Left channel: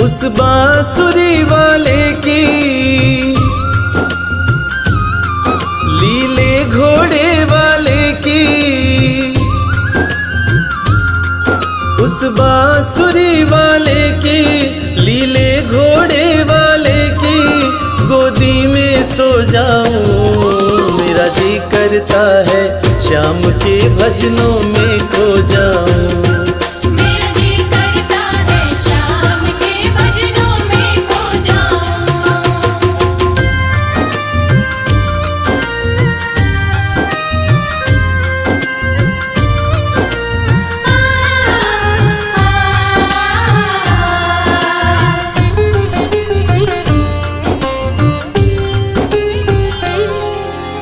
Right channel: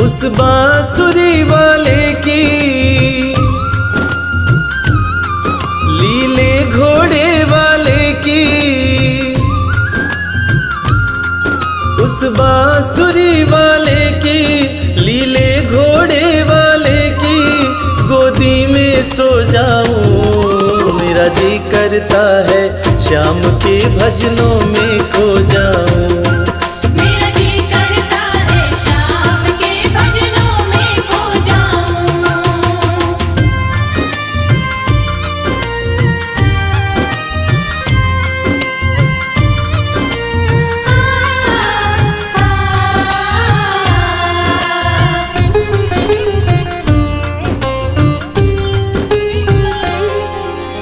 उस बांसुरी वाले की लीले घोड़े वाले की, उस बांसुरी वाले की लीले घोड़े वाले की गोदी में सो जाऊं। मेरा जी करता है श्याम के भजनों में खो जाऊं।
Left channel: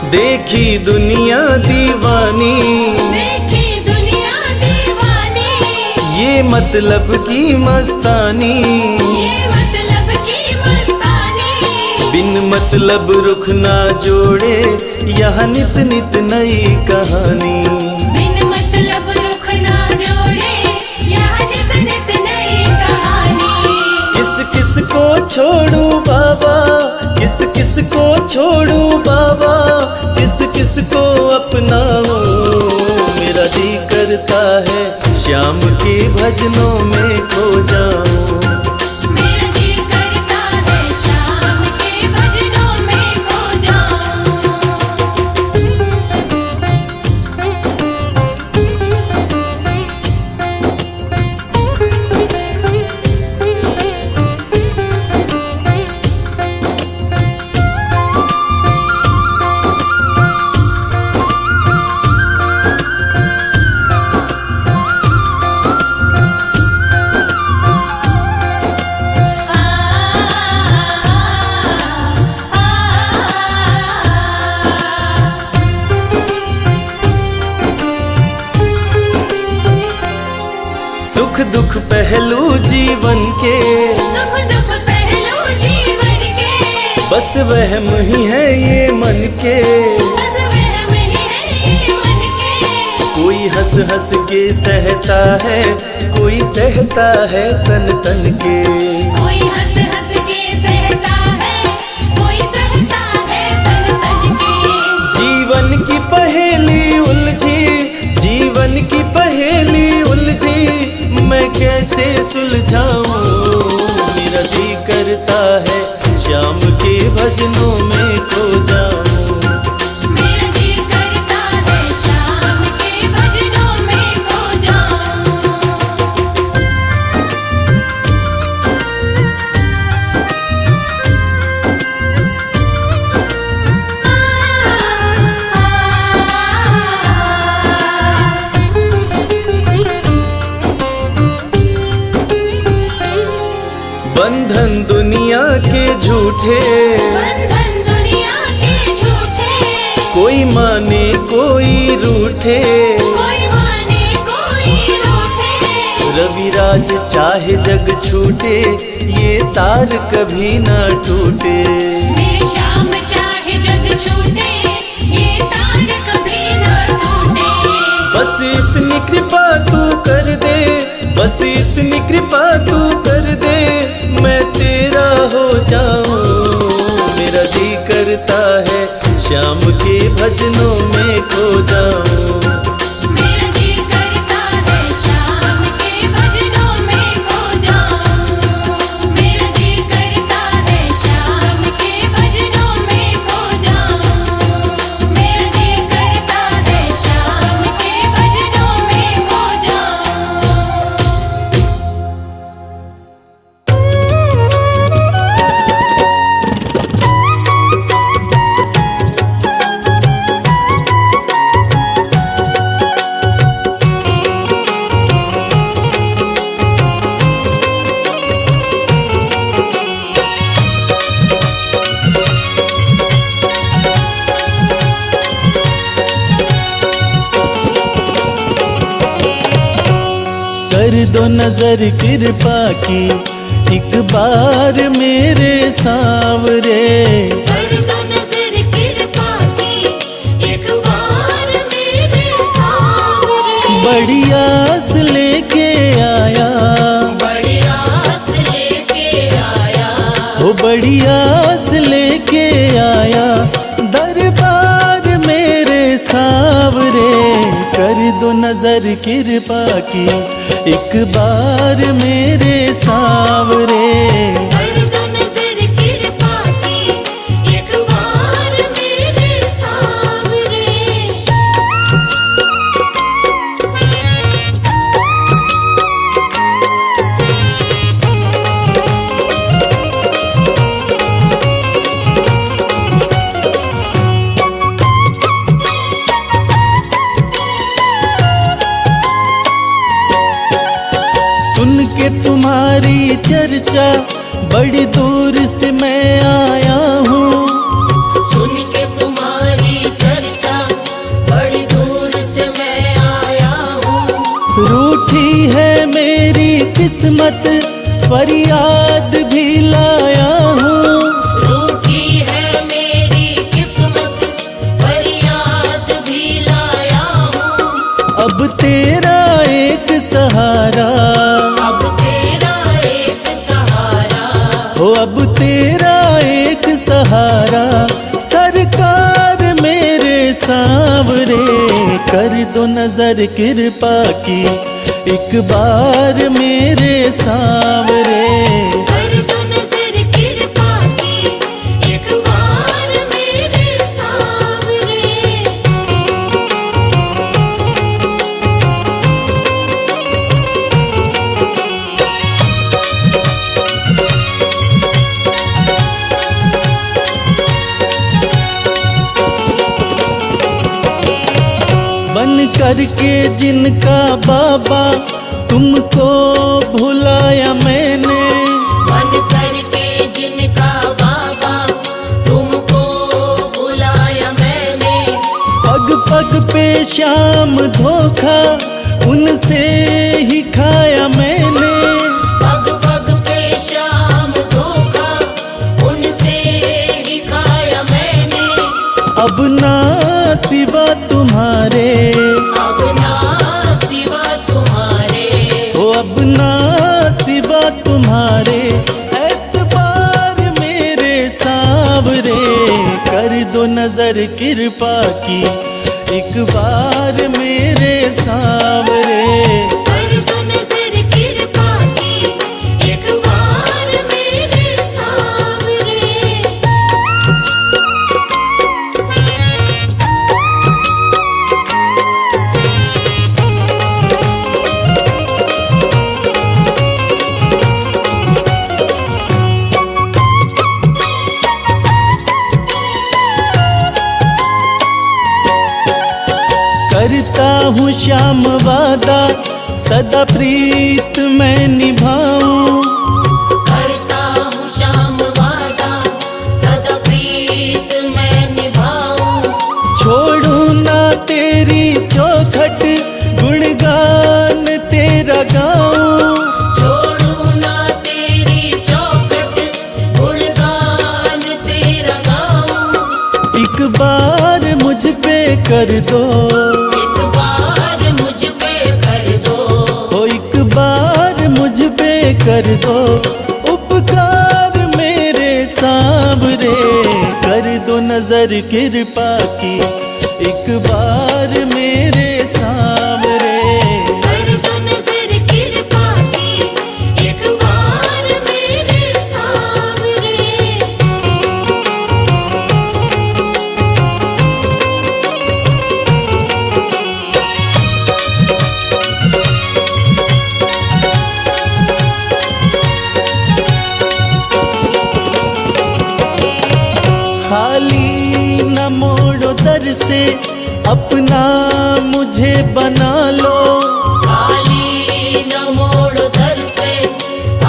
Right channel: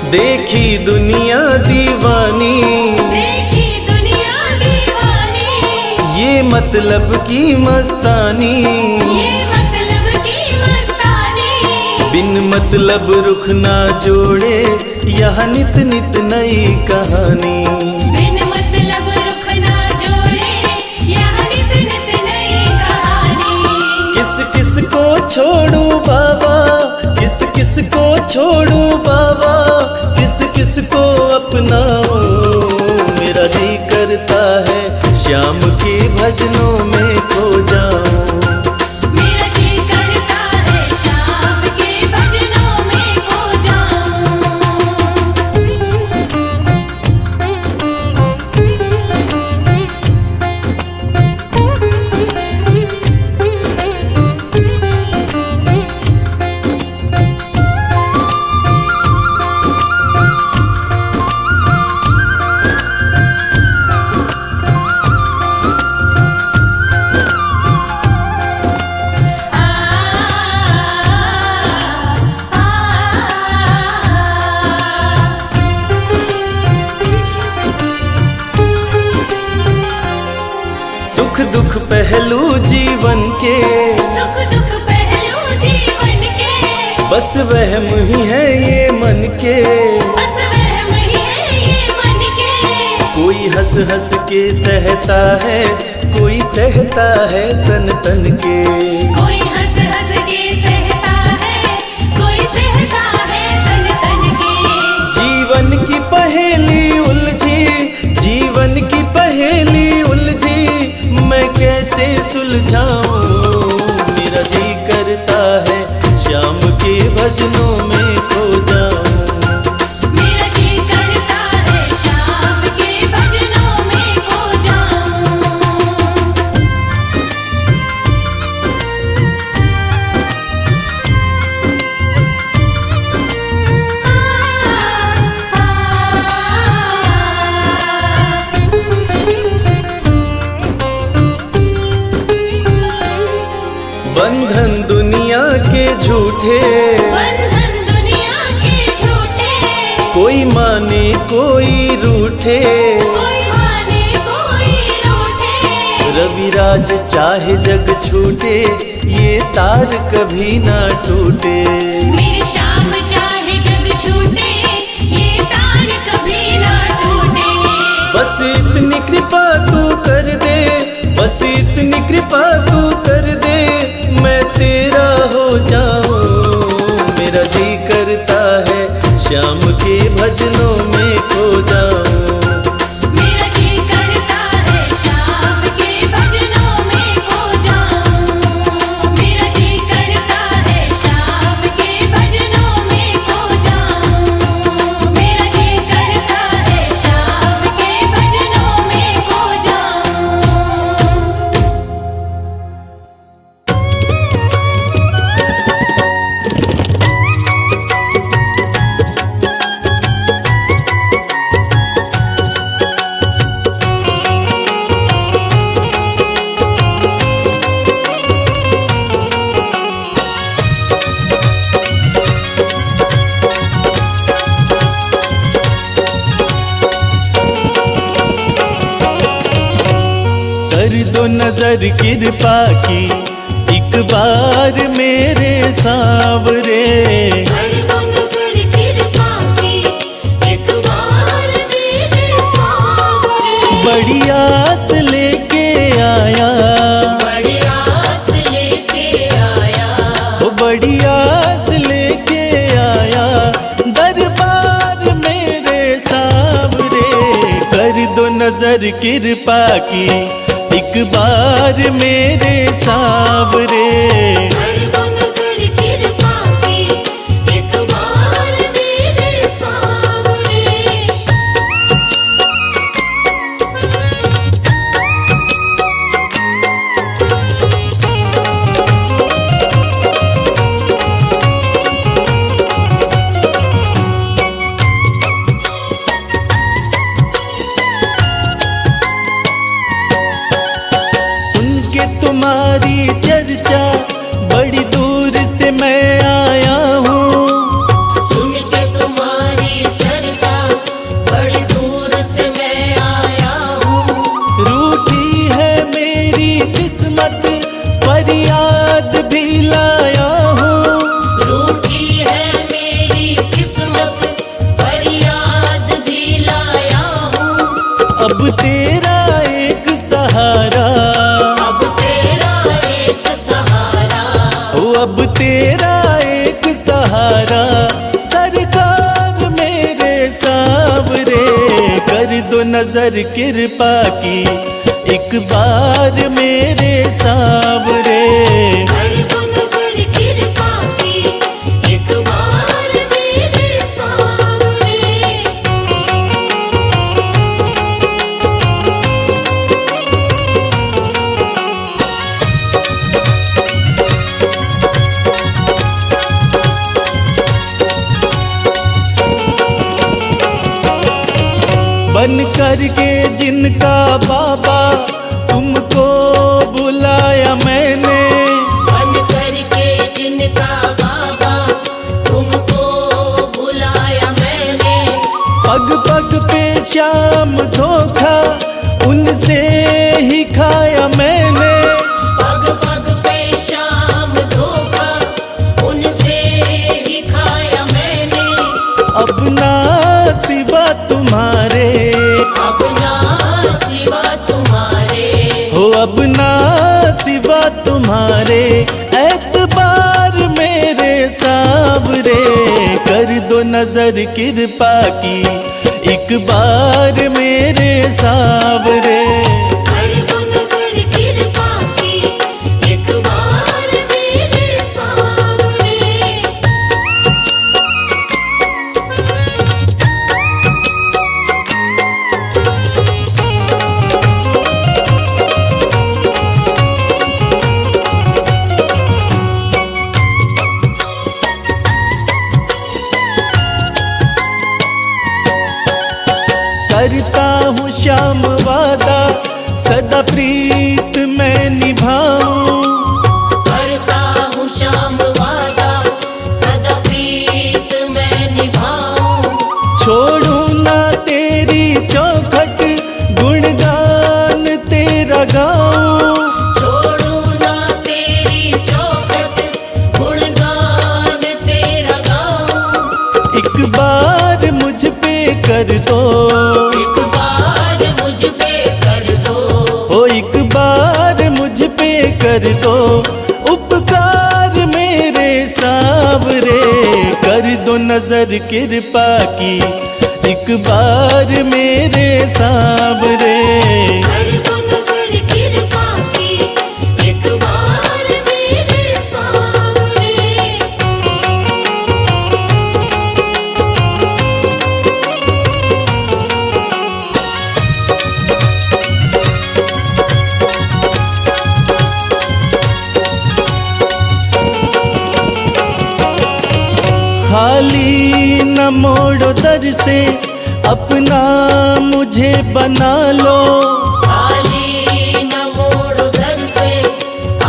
देखी दुनिया दीवानी, देखी दुनिया दीवानी, ये मतलब की मस्तानी, ये मतलब की मस्तानी। बिन मतलब रुख ना जोड़े यहाँ नित नित नई कहानी। बिन मतलब रुख ना जोड़े यहाँ नित नित नई कहानी। किस किस को छोड़ूं बाबा, किस किस को छोड़ूं बाबा, किस किस को अपनाऊं। मेरा जी करता है श्याम के भजनों में खो जाऊं। मेरा जी करता है श्याम के भजनों में खो जाऊं। सुख दुख पहलू जीवन के, सुख दुख पहलू जीवन के, बस वहम ही है ये मन के। बस वहम ही है ये मन के। कोई हंस हंस के सहता है, कोई सहता है तन तन के। कोई हंस हंस के सहता है, कोई सहता है तन तन के। जीवन की पहेली उलझी, जीवन की पहेली उलझी, मैं कैसे सुलझाऊं। मेरा जी करता है श्याम के भजनों में खो जाऊं। मेरा जी करता है श्याम के भजनों में खो जाऊं। बंधन दुनिया के झूठे, बंधन दुनिया के झूठे, कोई माने कोई रूठे। कोई माने कोई रूठे। रविराज चाहे जग छूटे, ये तार कभी ना टूटे। मेरे श्याम चाहे जग छूटे, ये तार कभी ना टूटे। बस इतनी कृपा तू कर दे, बस इतनी कृपा तू कर दे, मैं तेरा हो जाऊं। मेरा जी करता है श्याम के भजनों में खो जाऊं। मेरा जी करता है श्याम के भजनों में खो जाऊं। मेरा जी करता है श्याम के भजनों में खो जाऊं। मेरा जी करता है श्याम के भजनों में खो जाऊं। कर दो नजर कृपा की एक बार मेरे सांवरे। कर दो नजर कृपा की एक बार मेरे सांवरे। बड़ी आस लेके आया, बड़ी आस लेके नजर कृपा की, एक बार मेरे सावरे। कर दो नजर कृपा की, एक बार मेरे सांवरे। सुन के तुम्हारी चर्चा बड़ी दूर से मैं आया हूँ। सुन के तुम्हारी चर्चा बड़ी दूर से मैं आया हूँ। रूठी है मेरी किस्मत, फरियाद भी लाया हूँ। रूठी है मेरी किस्मत, फरियाद भी लाया हूँ। अब तेरा एक सहारा, अब तेरा एक सहारा, ओ अब तेरा एक सहारा, सरकार मेरे सावरे। कर दो नजर कृपा की, एक बार मेरे सावरे। कर दो नजर कृपा की, एक बार मेरे सांवरे। बन करके जिनका बाबा तुमको भुलाया मैंने। बन करके जिनका बाबा तुमको बुलाया मैंने। पग पग पे शाम धोखा उनसे ही खाया मैंने। पग पग पे शाम धोखा उनसे ही खाया मैंने। अब ना सिवा तुम्हारे, अब ना सिवा तुम्हारे, हो अब ना सिवा तुम्हारे, एतबार मेरे सावरे। कर दो नजर कृपा की, एक बार मेरे सावरे। कर दो नजर कृपा की, एक बार मेरे सांवरे। करता हूँ श्याम वादा, सदा प्रीत मैं निभाऊं। करता हूँ श्याम वादा, सदा प्रीत मैं निभाऊं। छोड़ो ना तेरी चौखट, गुणगान तेरा गाऊं। छोड़ू ना तेरी चौखट, गुणगान तेरा गाऊं। एक बार मुझ पे कर दो, एक बार मुझ पे कर दो। ओ एक बार मुझ पे कर दो उपकार मेरे सावरे। कर दो नजर कृपा की, एक बार मेरे सावरे। कर दो नजर कृपा की, एक बार मेरे सांवरे। खाली न मोड़ो दर से, अपना मुझे बना लो। खाली न मोड़ो दर से,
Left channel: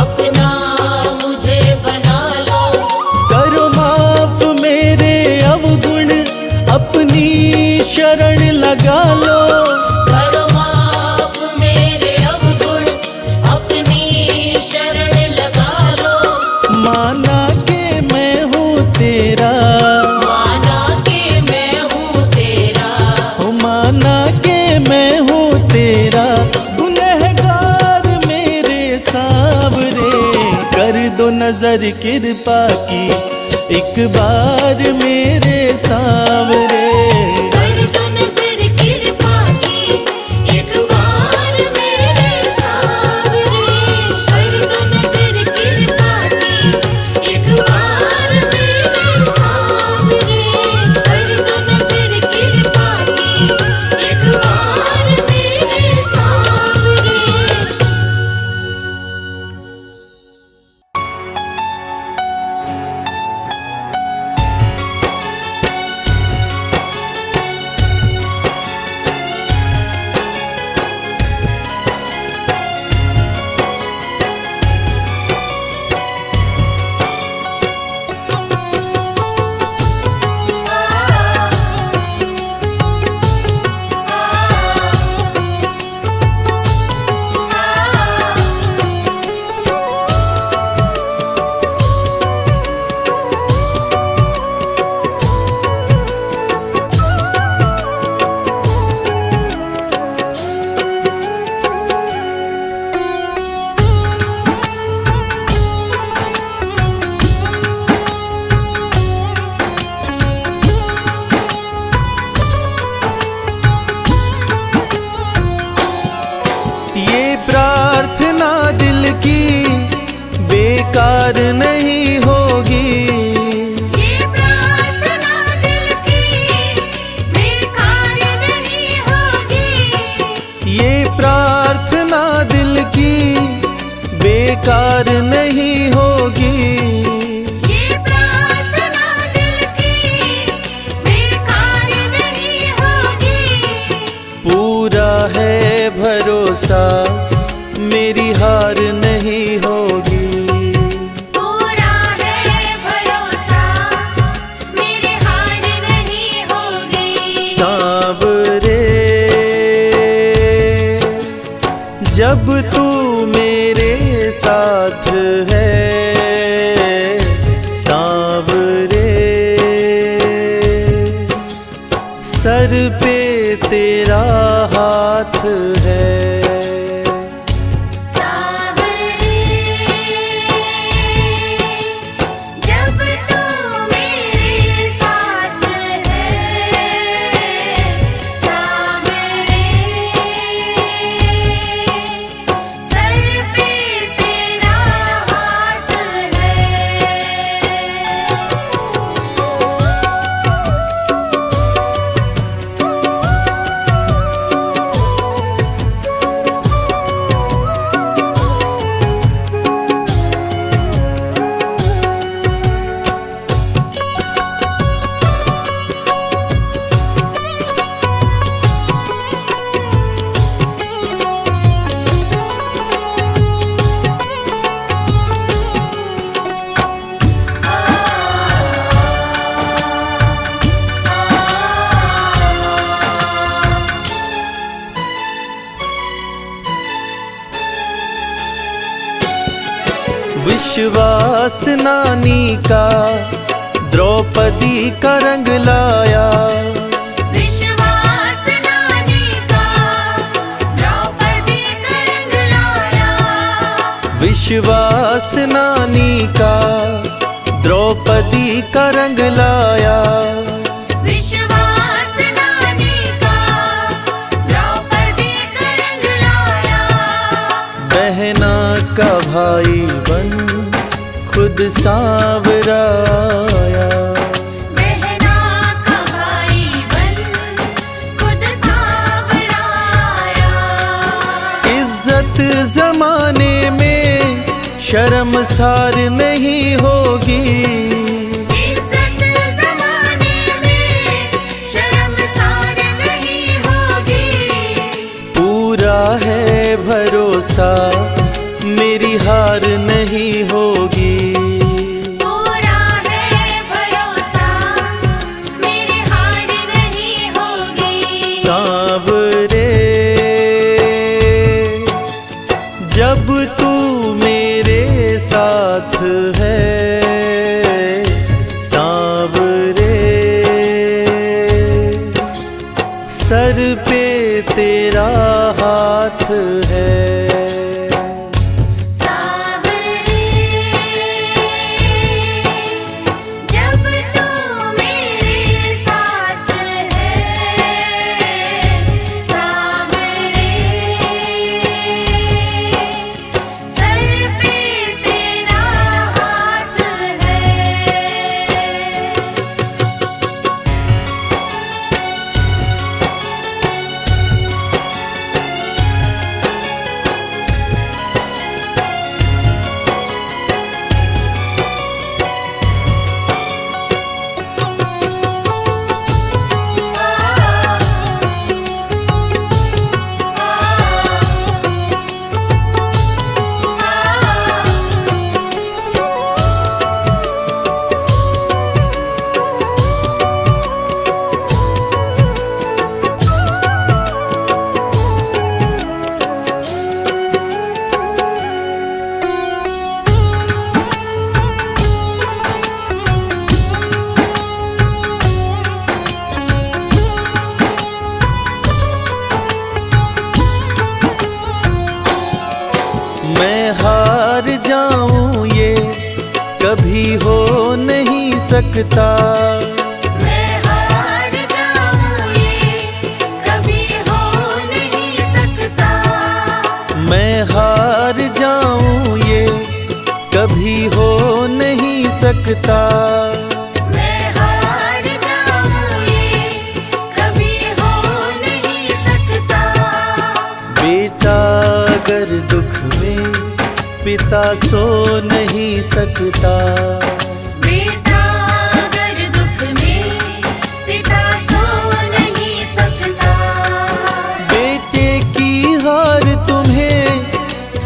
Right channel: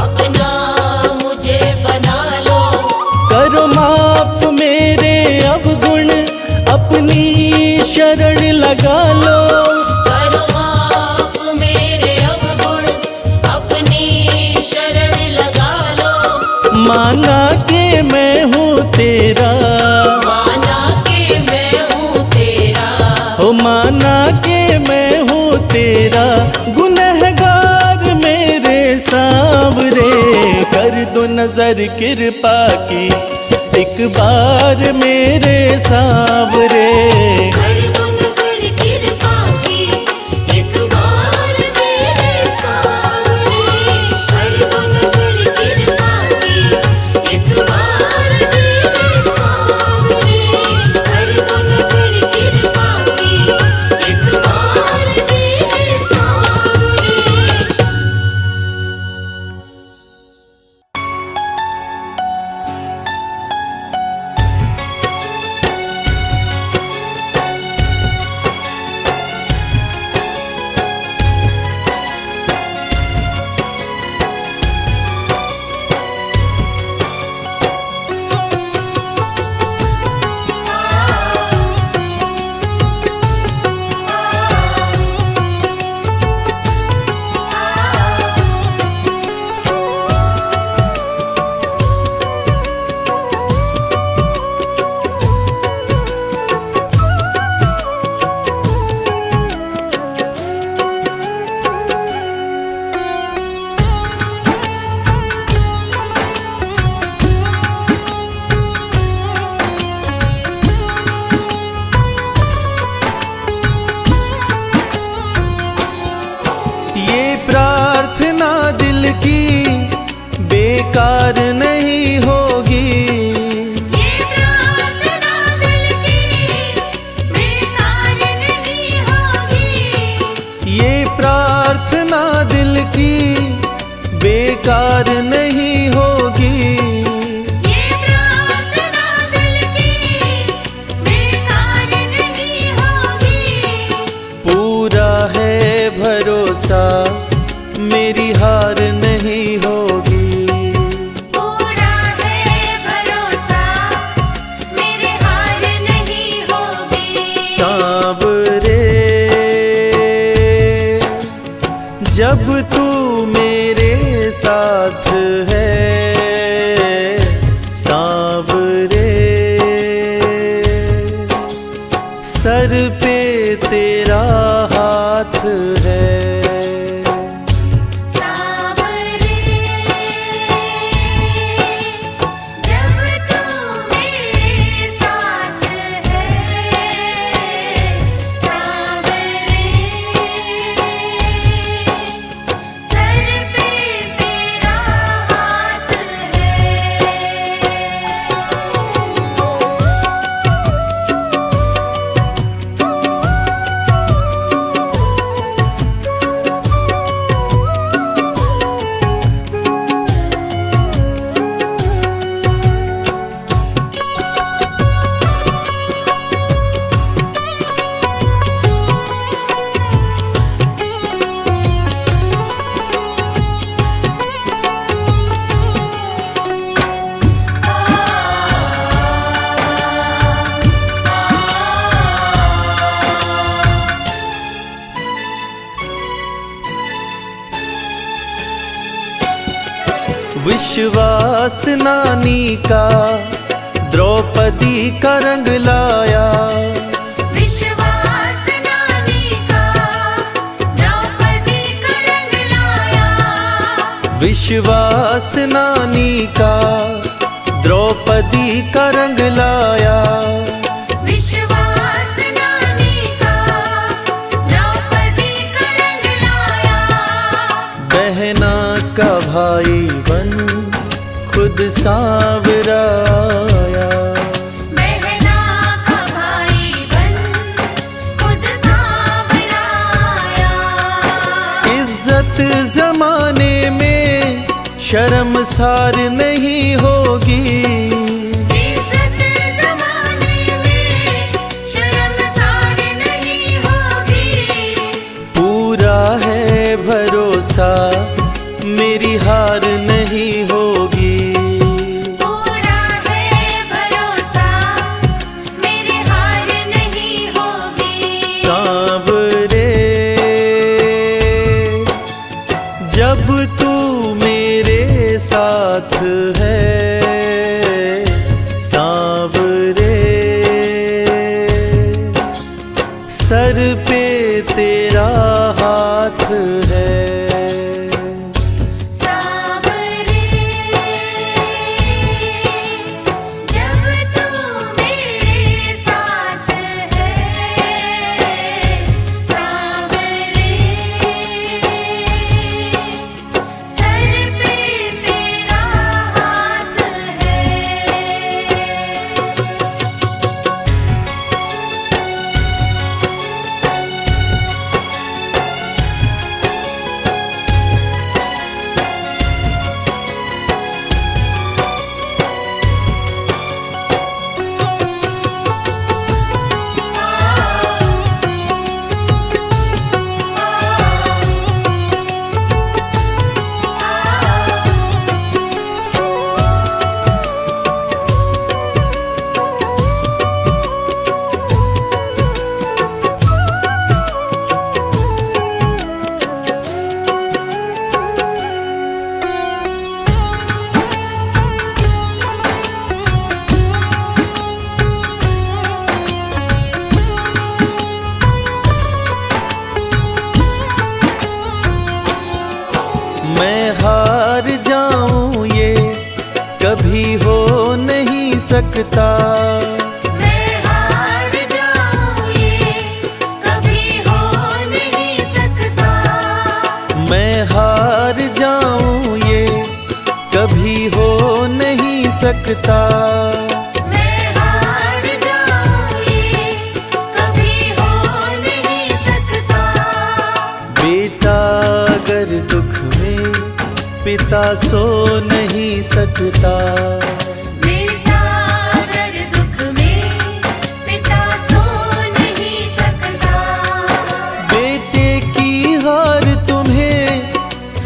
अपना मुझे बना लो। करो माफ मेरे अवगुण, अपनी शरण लगा लो। करो माफ मेरे अवगुण, अपनी शरण लगा लो। माना के मैं हूँ तेरा, माना के मैं हूँ तेरा। हो माना के मैं हूँ तेरा, गुनहगार मेरे सावरे। कर दो नजर कृपा की, एक बार मेरे सावरे। कर दो नजर कृपा की, एक बार की बेकार नहीं होगी। ये प्रार्थना दिल की बेकार नहीं होगी। ये प्रार्थना दिल की बेकार नहीं होगी। ये प्रार्थना दिल की बेकार नहीं होगी। पूरा है भरोसा मेरी हार नहीं होगी। पूरा है भरोसा मेरी हार नहीं होगी। सांवरे जब तू मेरे साथ है, सांवरे सर पे तेरा हाथ है। सांवरे जब तू मेरे साथ है, सांवरे सर पे तेरा हाथ है। विश्वास नानी का द्रौपदी का रंग लाया। विश्वास नानी का द्रौपदी का रंग लाया। विश्वास नानी का द्रौपदी का रंग लाया। विश्वास नानी का द्रौपदी का रंग लाया। बहना का भाई बन खुद सांवरा आया। बहना का भाई बन खुद सांवरा आया। इज्जत जमाने में शर्मसार नहीं होगी। इज्जत ज़माने में शर्मसार नहीं होगी। पूरा है भरोसा मेरी हार नहीं होगी। पूरा है भरोसा मेरी हार नहीं होगी। सांवरे जब तू मेरे साथ है, सांवरे सर पे तेरा हाथ है। सांवरे जब तू मेरे साथ है, सांवरे सर पे तेरा हाथ है। मैं हार जाऊं ये कभी हो नहीं सकता। मैं हार जाऊं ये कभी हो नहीं सकता। मैं हार जाऊं ये कभी हो नहीं सकता। मैं हार जाऊं ये कभी हो नहीं सकता। बेटा अगर दुख में पिता सो नहीं सकता। बेटा अगर दुख में पिता सो नहीं सकता। बेटे की हार तुम्हें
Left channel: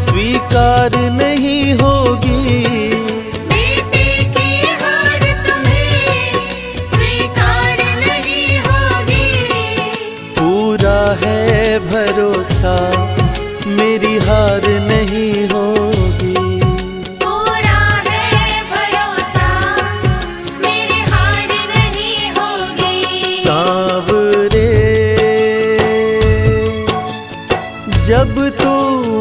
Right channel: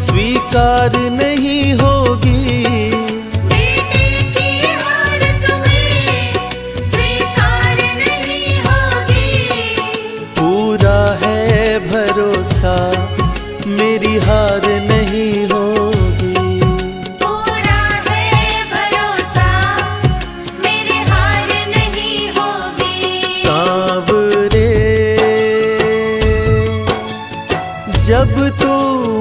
स्वीकार नहीं होगी। बेटे की हार तुम्हें स्वीकार नहीं होगी। पूरा है भरोसा मेरी हार नहीं होगी। पूरा है भरोसा मेरी हार नहीं होगी। सांवरे जब तू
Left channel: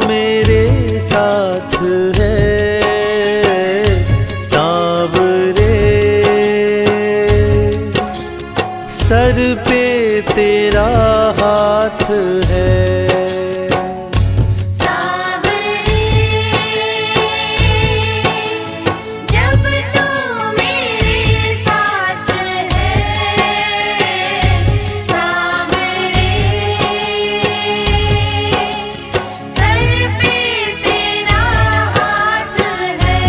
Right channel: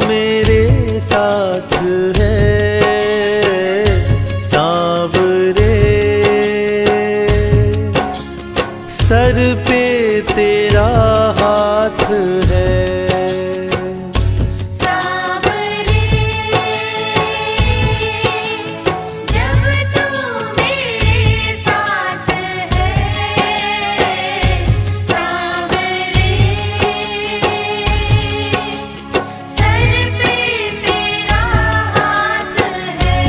मेरे साथ है, सांवरे सर पे तेरा हाथ है। जब तू मेरे साथ है, सांवरे सर पे तेरा हाथ है।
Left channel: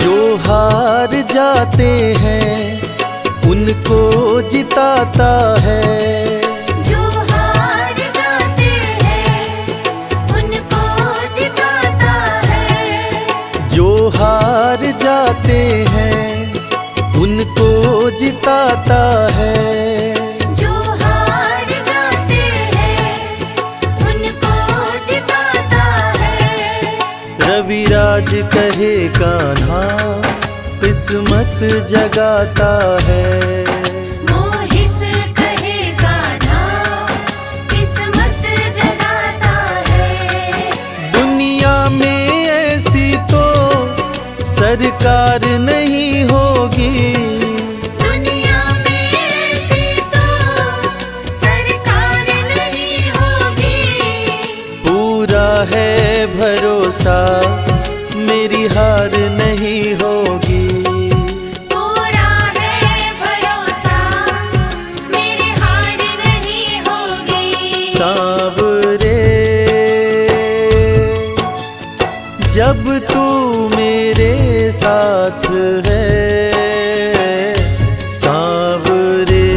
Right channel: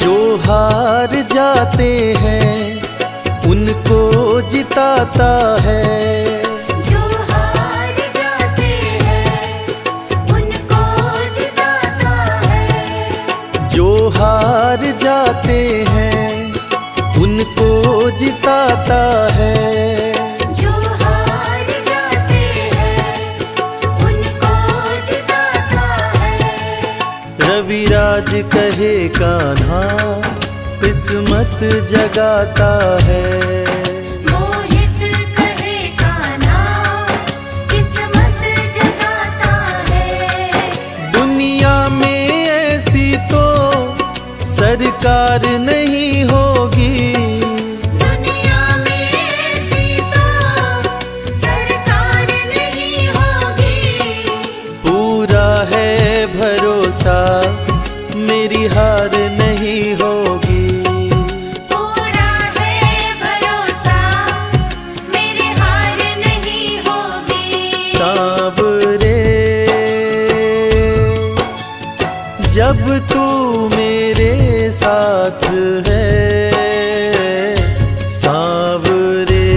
जो हार जाते हैं उनको जिताता है। जो हार जाते हैं उनको जिताता है। जो हार जाते हैं उनको जिताता है। जो हार जाते हैं उनको जिताता है। रविराज कहे कान्हा किस्मत जगाता है। मोहित कहे कान्हा किस्मत जगाता है। दुनिया में ऐसी तो सरकार नहीं होगी। दुनिया में ऐसी तो सरकार नहीं होगी। पूरा है भरोसा मेरी हार नहीं होगी। पूरा है भरोसा मेरी हार नहीं होगी। सांवरे जब तू मेरे साथ है, सांवरे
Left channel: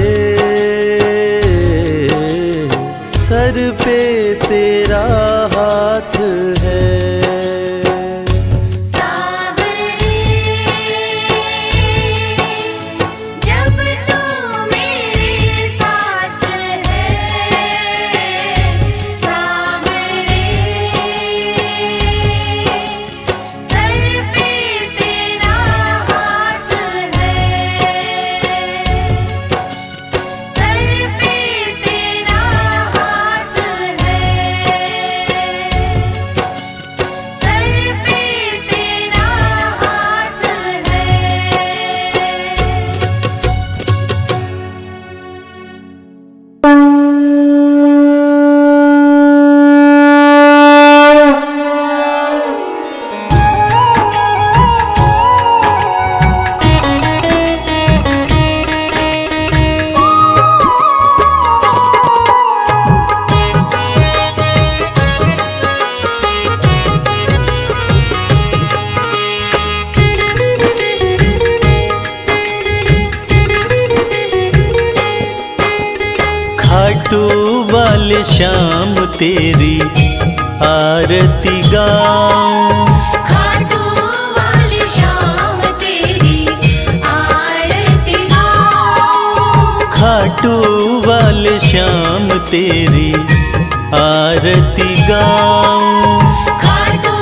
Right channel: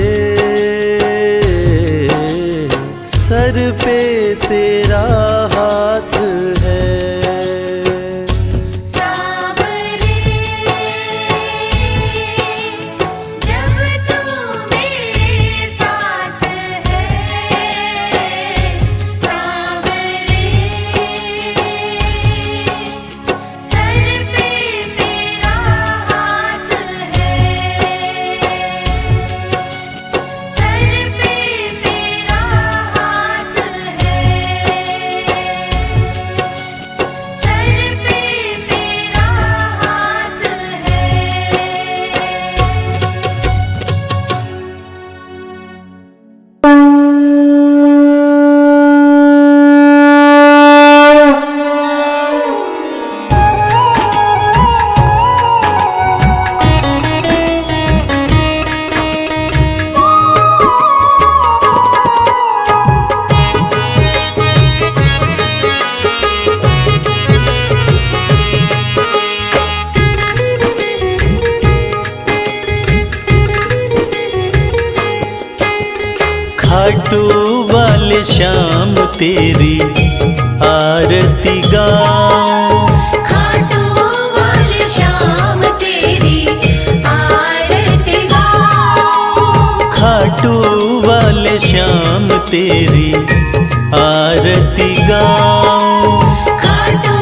सर पे तेरा हाथ है। जब तू मेरे साथ है, सांवरे सर पे तेरा हाथ है। सर पे तेरा हाथ है। सर पे तेरा हाथ है। खाटू वाले श्याम तेरी आरती गाऊं। खाटू वाले श्याम तेरी आरती गाऊं। खाटू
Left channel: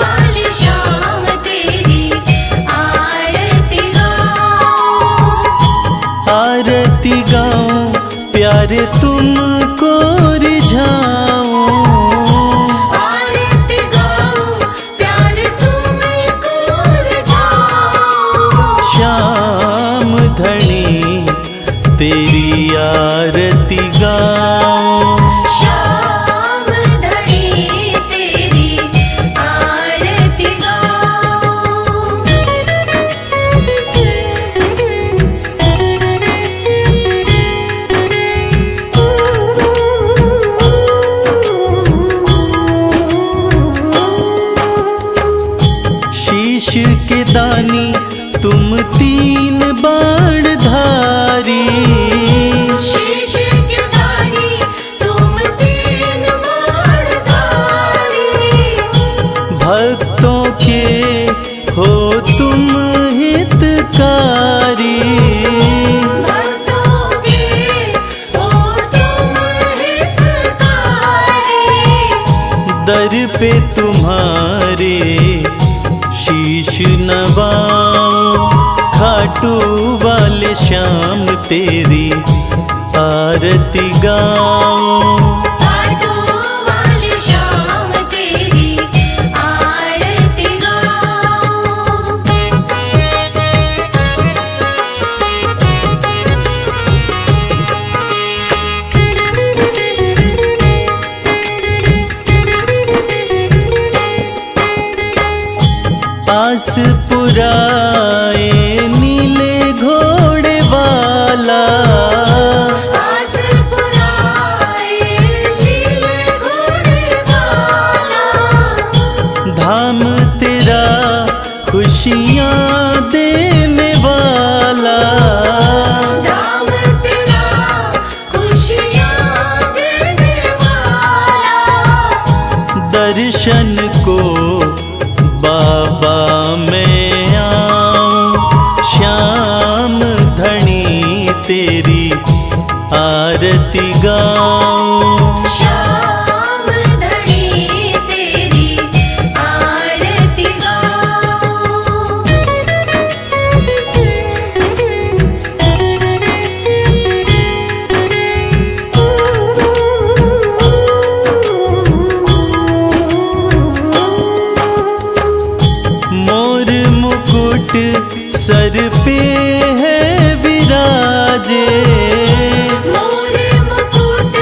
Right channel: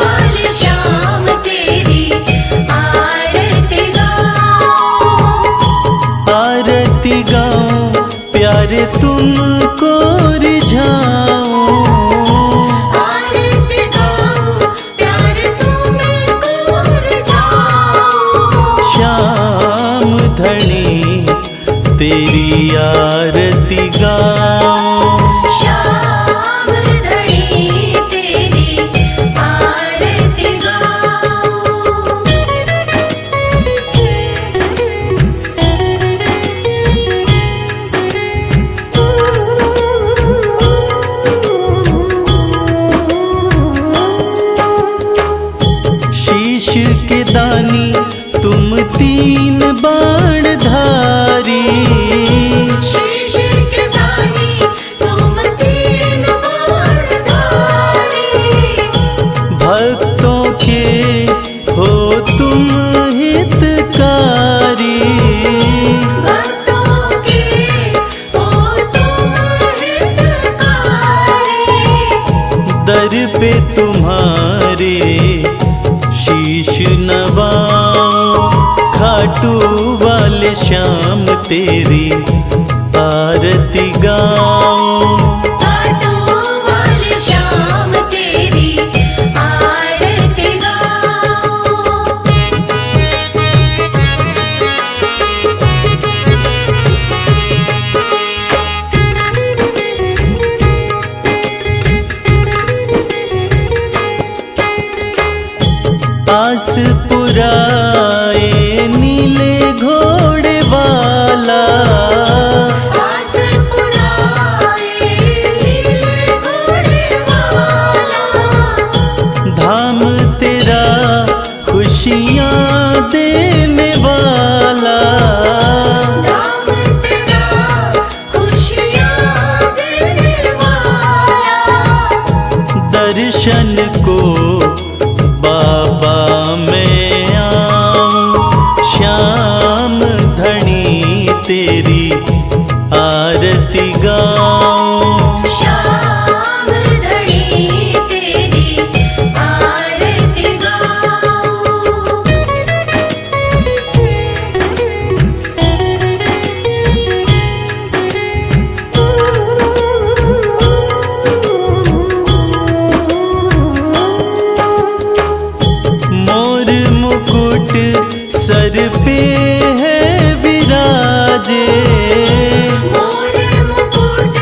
वाले श्याम तेरी आरती गाऊं। आरती गाऊं प्यारे तुमको रिझाऊं। आरती गाऊं प्यारे तुमको रिझाऊं। श्याम धनी तेरी आरती गाऊं। श्याम धनी तेरी आरती गाऊं। शीश के दानी तुम तीन बाण धारी। शीश के दानी तुम तीन बाणधारी। भक्तों के हो तुम हितकारी। भक्तों के हो तुम हितकारी। दर पे तुम्हारे शीश नवाऊं। खाटू वाले श्याम तेरी आरती गाऊं। खाटू वाले श्याम तेरी आरती गाऊं। आस पुराए नीले घोड़े वाला। आस पुराए नीले घोड़े वाला। धाम तेरा खुशियाँ देने वाला। धाम तेरा खुशियाँ देने वाला। दर्शन को बाबा मैं आऊं। श्याम धनी तेरी आरती गाऊं। श्याम धनी तेरी आरती गाऊं। मोर मुकुट सर पे है विराजे। मोर मुकुट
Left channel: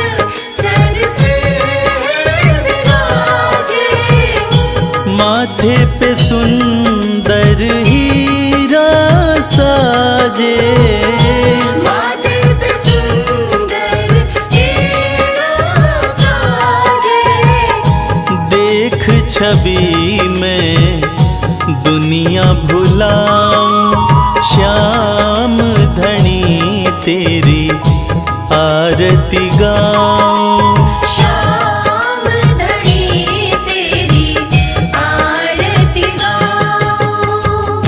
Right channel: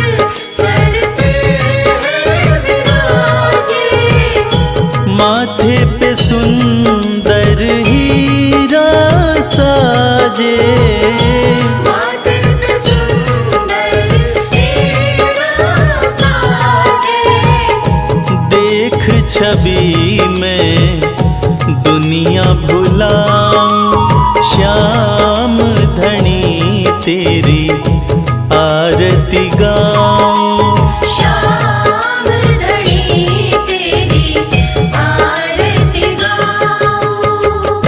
सर पे है विराजे। माथे पे सुंदर हीरा साजे। माथे पे सुंदर हीरा साजे। देख छवि में दुनिया भुलाऊं। श्याम धनी तेरी आरती गाऊं। श्याम धनी तेरी आरती गाऊं।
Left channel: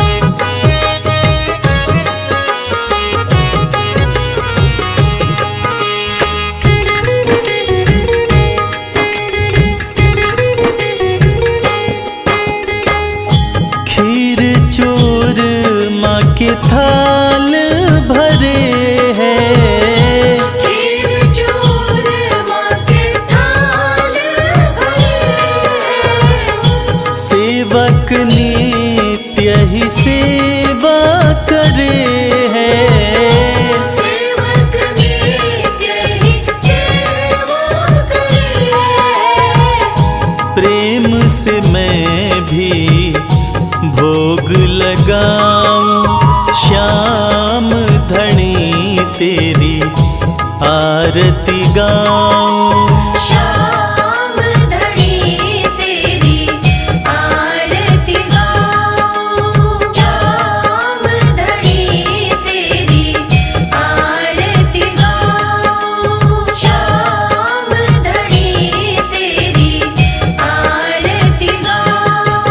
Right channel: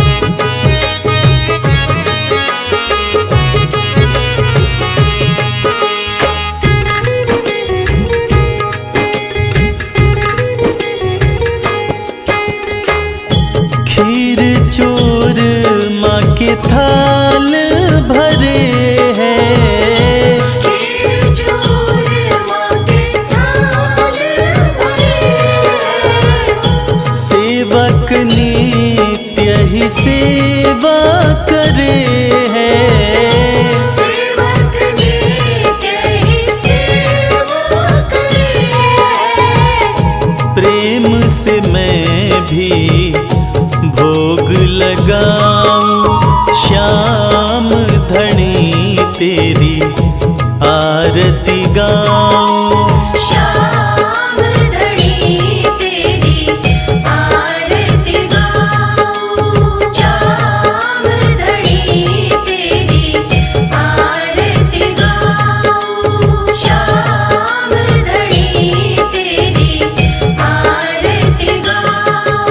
खीर चोर माँ के थाल भरे हैं। खीर चोर माँ के थाल भरे हैं। सेवक नित्य ही सेवा करे हैं। सेवक नित्य ही सेवा करे हैं। प्रेम से मैं भी भोग लगाऊं। श्याम धनी तेरी आरती गाऊं। श्याम धनी तेरी आरती गाऊं। श्याम धनी तेरी आरती गाऊं। श्याम धनी तेरी आरती गाऊं।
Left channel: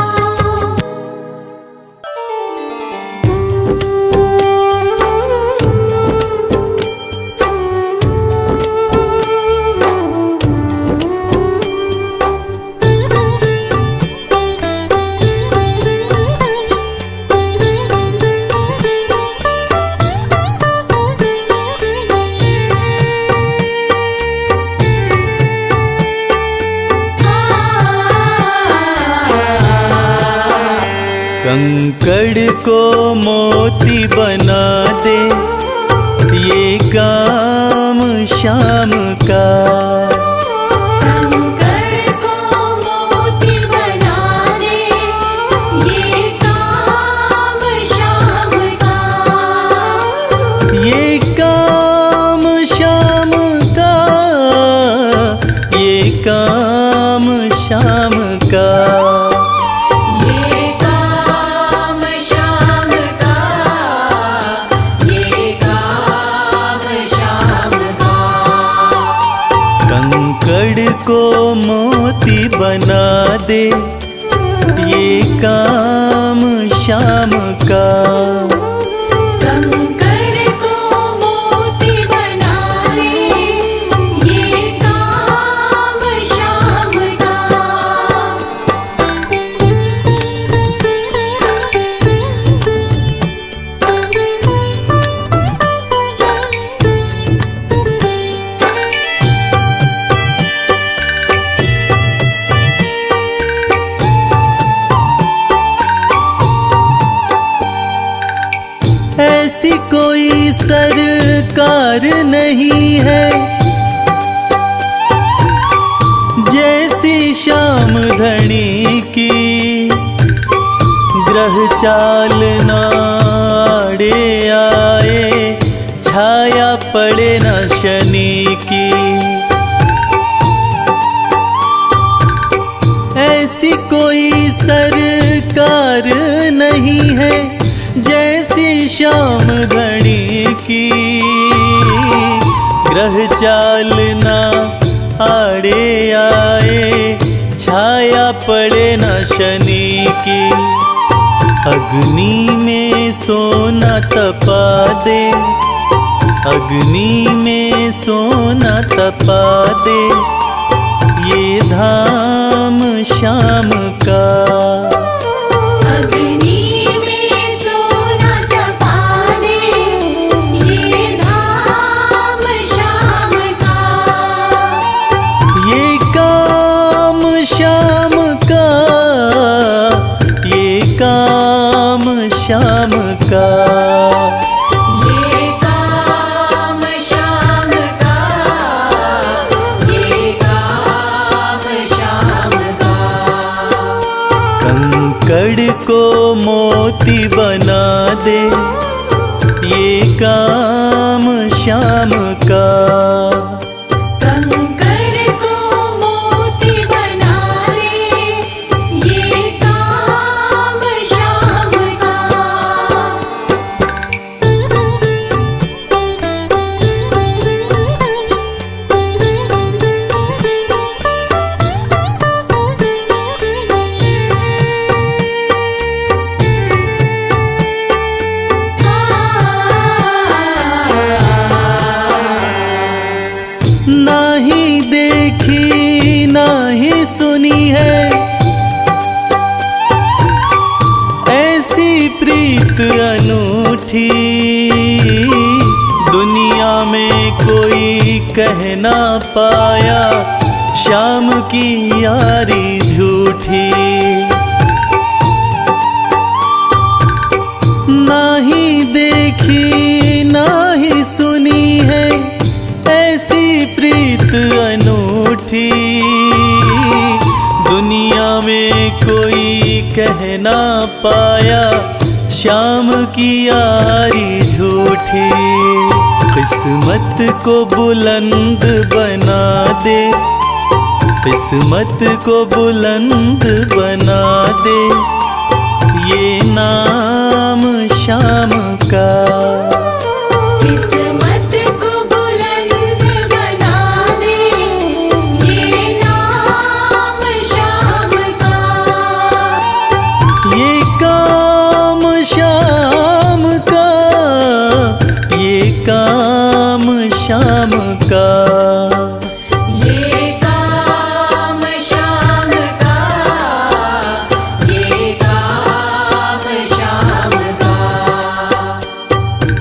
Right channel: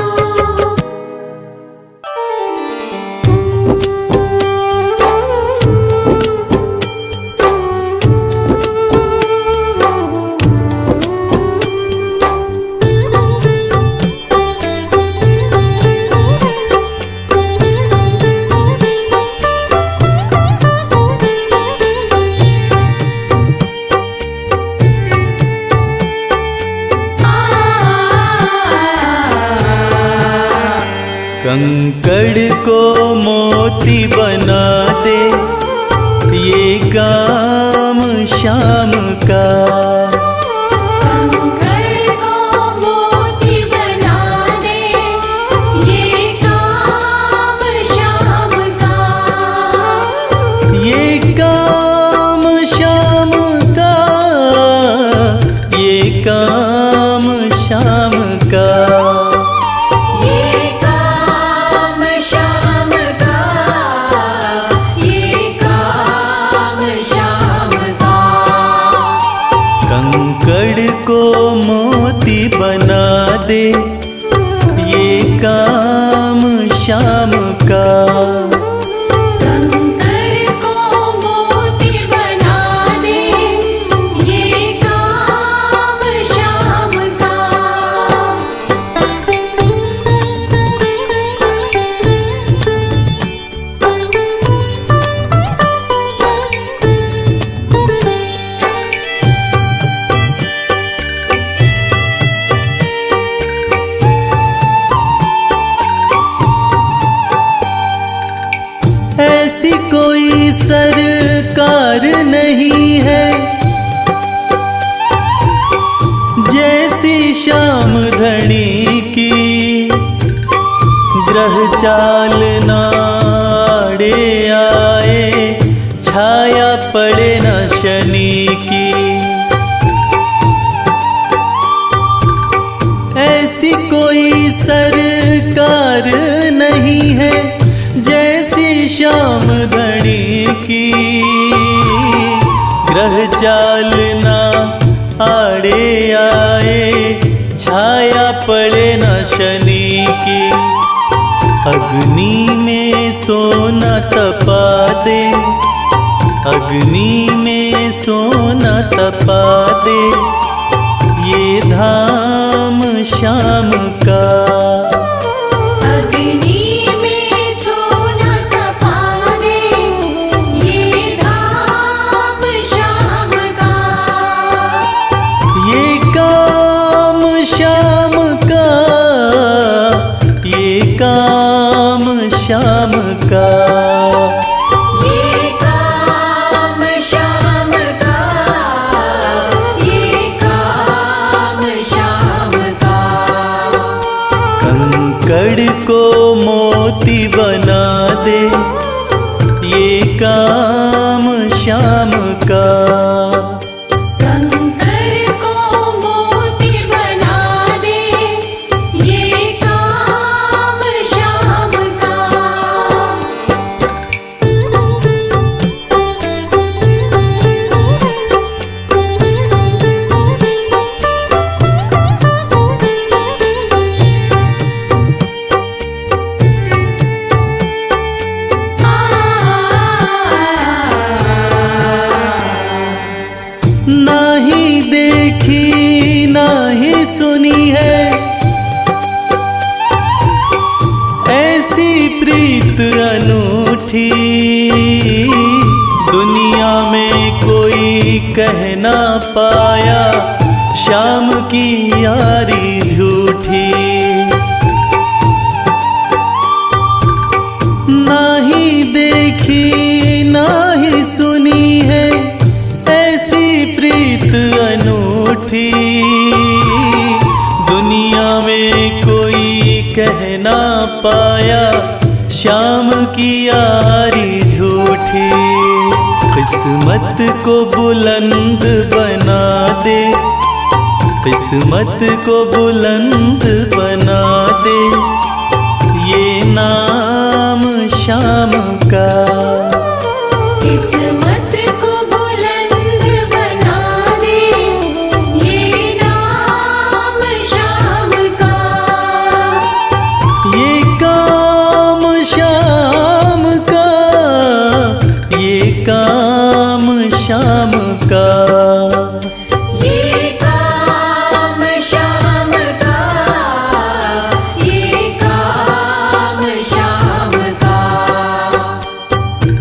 कंकड़ को मोती बना दे ये काम शाम का। कंकड़ को मोती बना दे ये काम शाम का। ये काम शाम का, ये काम शाम का। ये काम शाम का, ये काम शाम का। कंकड़ को मोती बना दे ये काम शाम का। कंकड़ को मोती बना दे ये काम शाम का। ऐसी कोई सरकार नहीं है जैसी श्याम धनी की। ग्रह चाल नाड़े आए छाया पड़े न शनि की। ऐसी कोई सरकार नहीं है जैसी श्याम धनी की। ग्रह चाल ना आड़े आए छाया पड़े न शनि की। अग्नि में सोना तपा दे, अग्नि में सोना तपा दे ये धाम शाम का। अग्नि में सोना तपा दे ये धाम शाम का। ये काम शाम का, ये काम शाम का। ये काम शाम का, ये काम शाम का। कंकड़ को मोती बना दे ये काम शाम का। कंकड़ को मोती बना दे ये काम शाम का। नाही देखी नाही सुनी है ऐसी प्रीत अनूठी। दुनिया में कोई कह ना पाया शाम की यारी झूठी। नाही देखी नाही सुनी है ऐसी प्रीत अनूठी। दुनिया में कोई कह ना पाया शाम की यारी झूठी। किस्मत को बुलंद बना दे, किस्मत को बुलंद बना दे ये नाम शाम का। किस्मत को बुलंद बना दे ये नाम शाम का। ये काम शाम का, ये काम शाम का। ये काम शाम का, ये काम शाम का।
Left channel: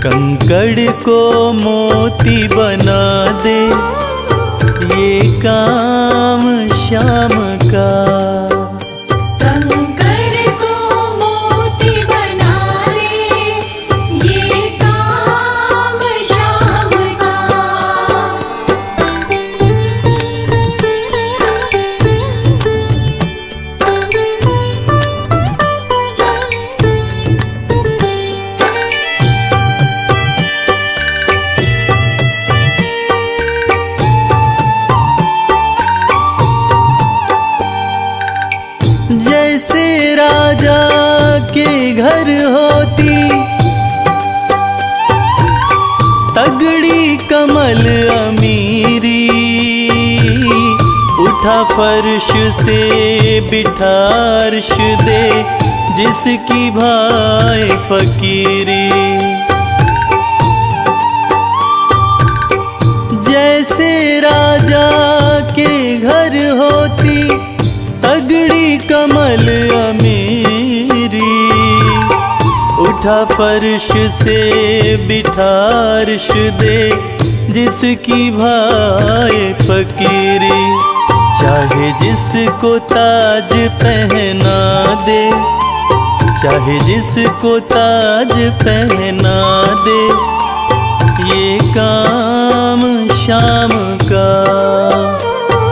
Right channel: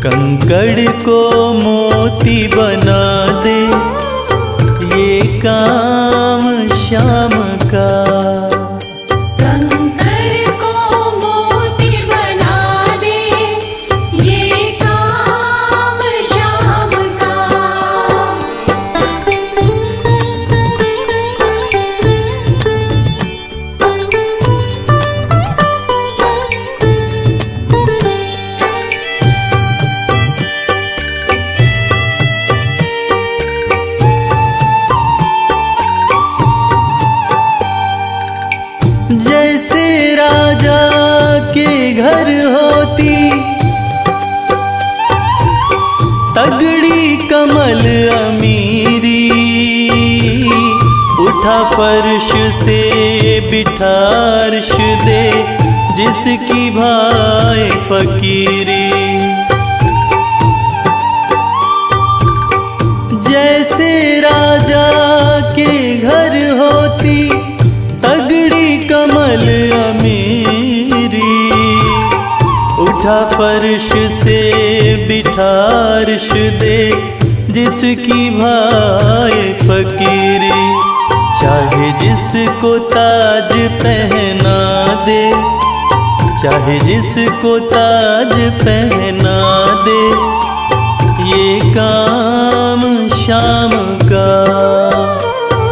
कंकड़ को मोती बना दे ये काम शाम का। कंकड़ को मोती जैसे राजा के घर होती तगड़ी कमल अमीरी, उठा फर्श से बिठा अर्श दे जिसकी भाई फकीरी। जैसे राजा के घर होती तगड़ी कमल अमीरी, उठा फर्श से बिठा अर्श दे जिसकी भाई फकीरी। चाहे जिसको ताज पहना दे, चाहे जिसको ताज पहना दे, ये काम शाम का।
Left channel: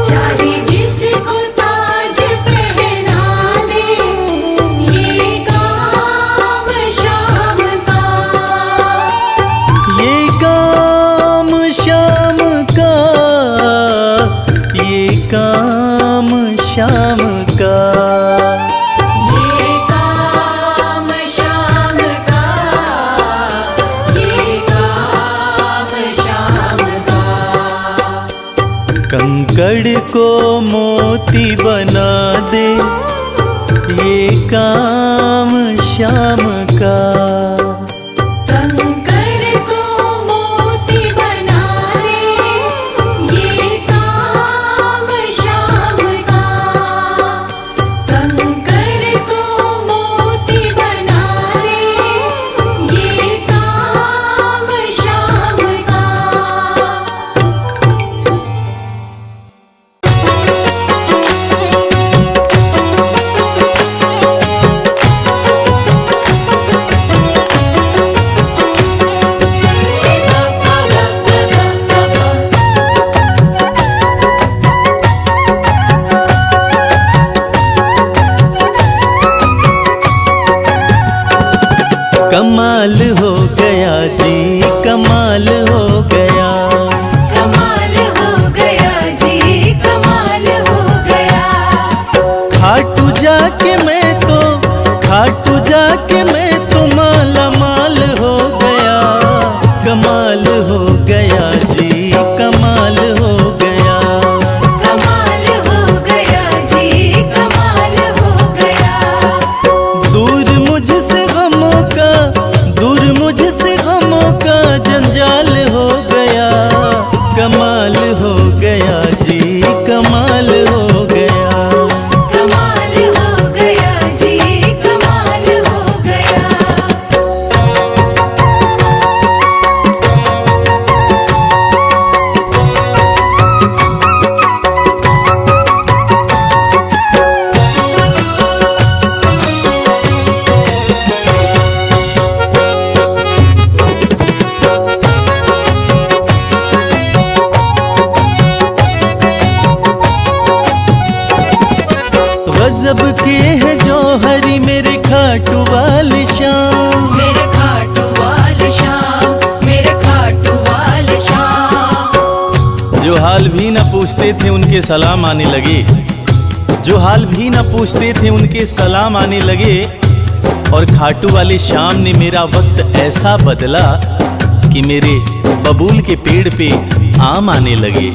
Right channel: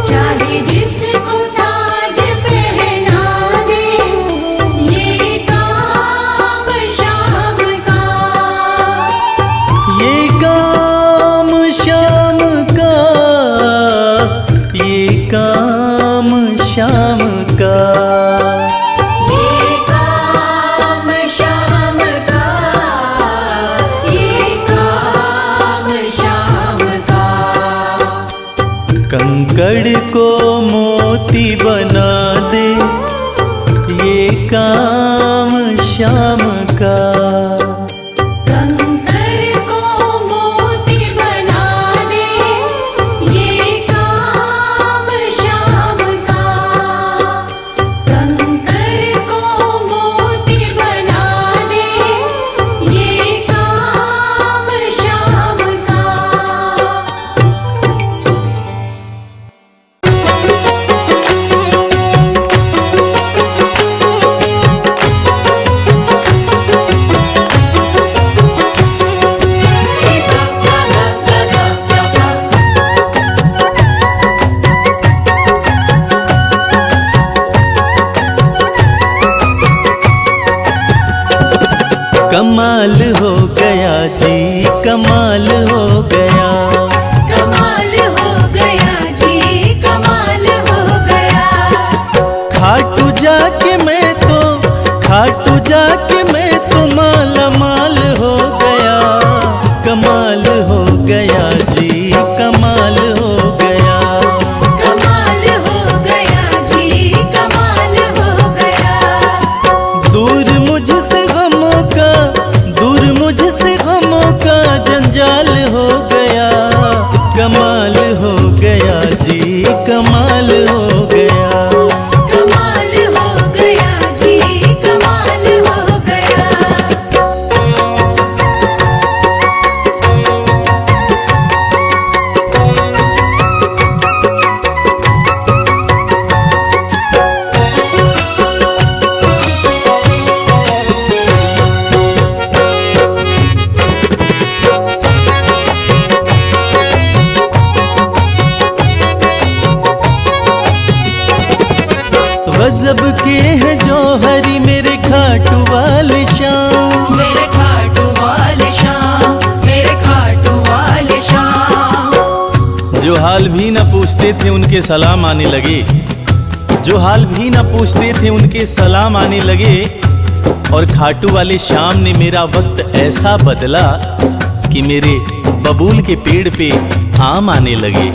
चाहे जिसको ताज पहना दे, ये काम शाम का। ये काम शाम का, ये काम शाम का। ये काम शाम का, ये काम शाम का। कंकड़ को मोती बना दे, ये काम शाम का। कंकर को मोती बना दे, ये काम शाम का। कंकर को मोती बना दे, ये काम शाम का। कमाल हो गया जी, कमाल हो गया। कमाल हो गया जी, कमाल हो गया। खाटू जाके मैं तो, खाटू जाके मैं तो माला माल हो गया। कमाल हो गया जी, कमाल हो गया। कमाल हो गया जी, कमाल हो गया। दूर मुझसे गमों का, दूर मुझसे गमों का जंजाल हो गया। कमाल हो गया जी, कमाल हो गया। कमाल हो गया जी, कमाल हो गया। गजब के हैं जौहरी मेरे खाटू वाले शाम। मेरे खाटू वाले शाम, मेरे खाटू वाले शाम। जो हाल भी न पूछते थे उनके सलाम आने लगे, जो हाल भी न पूछते थे उनके सलाम आने लगे। और खाटू वाले शाम ने मेरा वक्त ऐसा बदला कि मेरे बबूल के पेड़ पे आम आने लगे।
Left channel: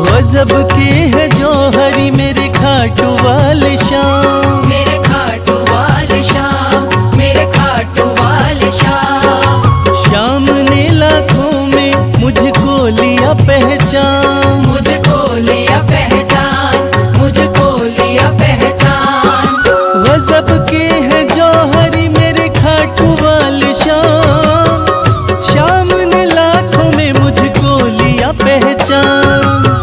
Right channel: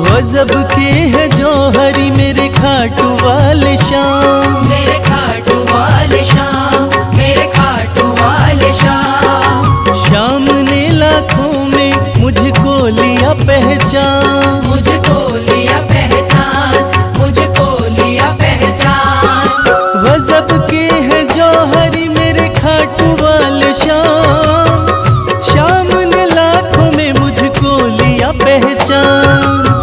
गजब के है जौहरी मेरे खाटू वाले शाम। मेरे खाटू वाले शाम, मेरे खाटू वाले शाम। शाम ने लाखों में मुझको लिया पहचान, मुझको लिया पहचान, मुझको लिया पहचान। गजब के है जौहरी मेरे खाटू वाले शाम। शाम ने लाखों में मुझको लिया पहचान।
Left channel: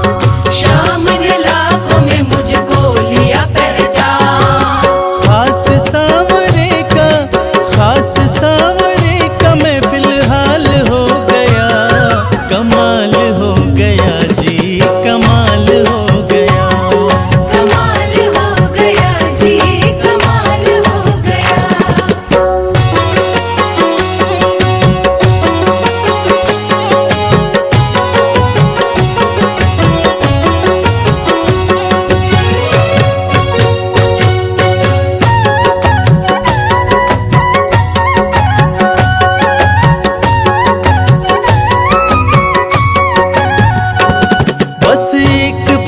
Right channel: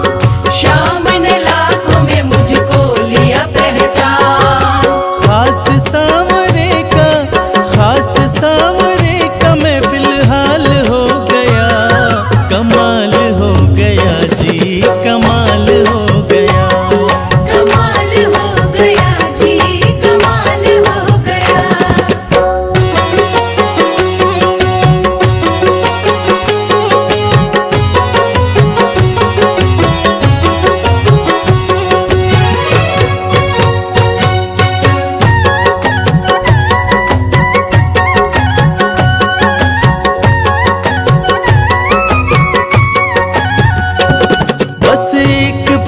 शाम ने लाखों में मुझको लिया पहचान। खास सांवरे का, खास सांवरे का मैं फिलहाल हो गया। कमाल हो गया जी, कमाल हो गया। कमाल हो गया जी, कमाल हो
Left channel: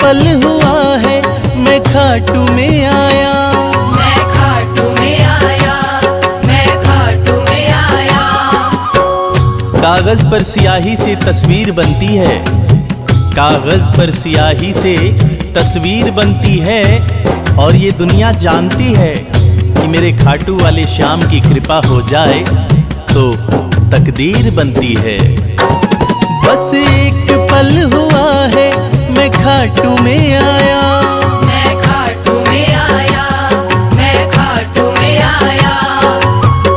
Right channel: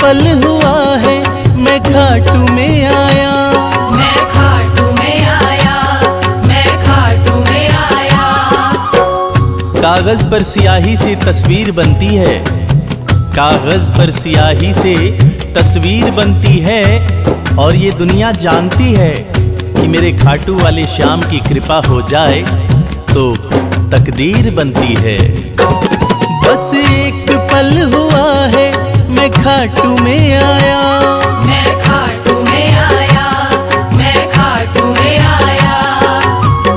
पल हुआ है मैं खाटू में आया, मैं खाटू में आया, मैं खाटू में आया। कागज पर स्याही से तस्वीर बनती है, कागज पर स्याही से तस्वीर बनती है, और ये दुनिया जानती है कि मेरे खाटू वाले श्याम की कृपा हो जाए तो तकदीर बनती है। बस एक पल हुआ है मैं खाटू में आया, मैं खाटू में आया, मैं खाटू में आया।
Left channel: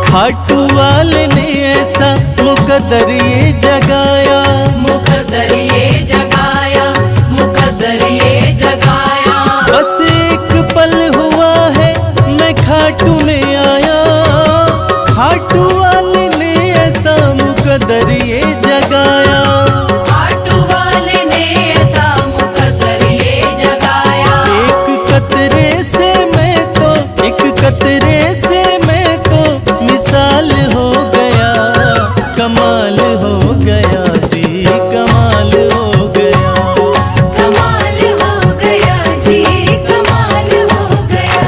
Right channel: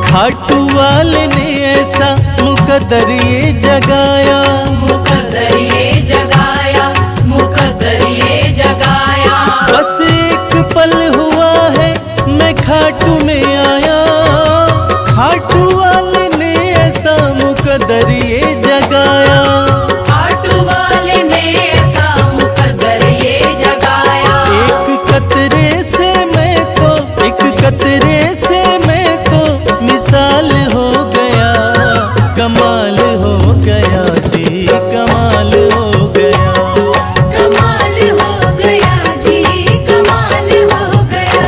खाटू वाले ने ऐसा मुकद्दर ये जगाया, मुकद्दर ये जगाया, मुकद्दर ये जगाया। बस एक पल हुआ है मैं खाटू में आया, खाटू वाले ने ऐसा मुकद्दर ये जगाया। खाटू वाले ने ऐसा मुकद्दर ये जगाया। एक कतरे से मैं तो, एक कतरे से मैं तो मिसाल हो गया, कमाल हो गया जी, कमाल हो गया। कमाल हो गया जी, कमाल हो गया।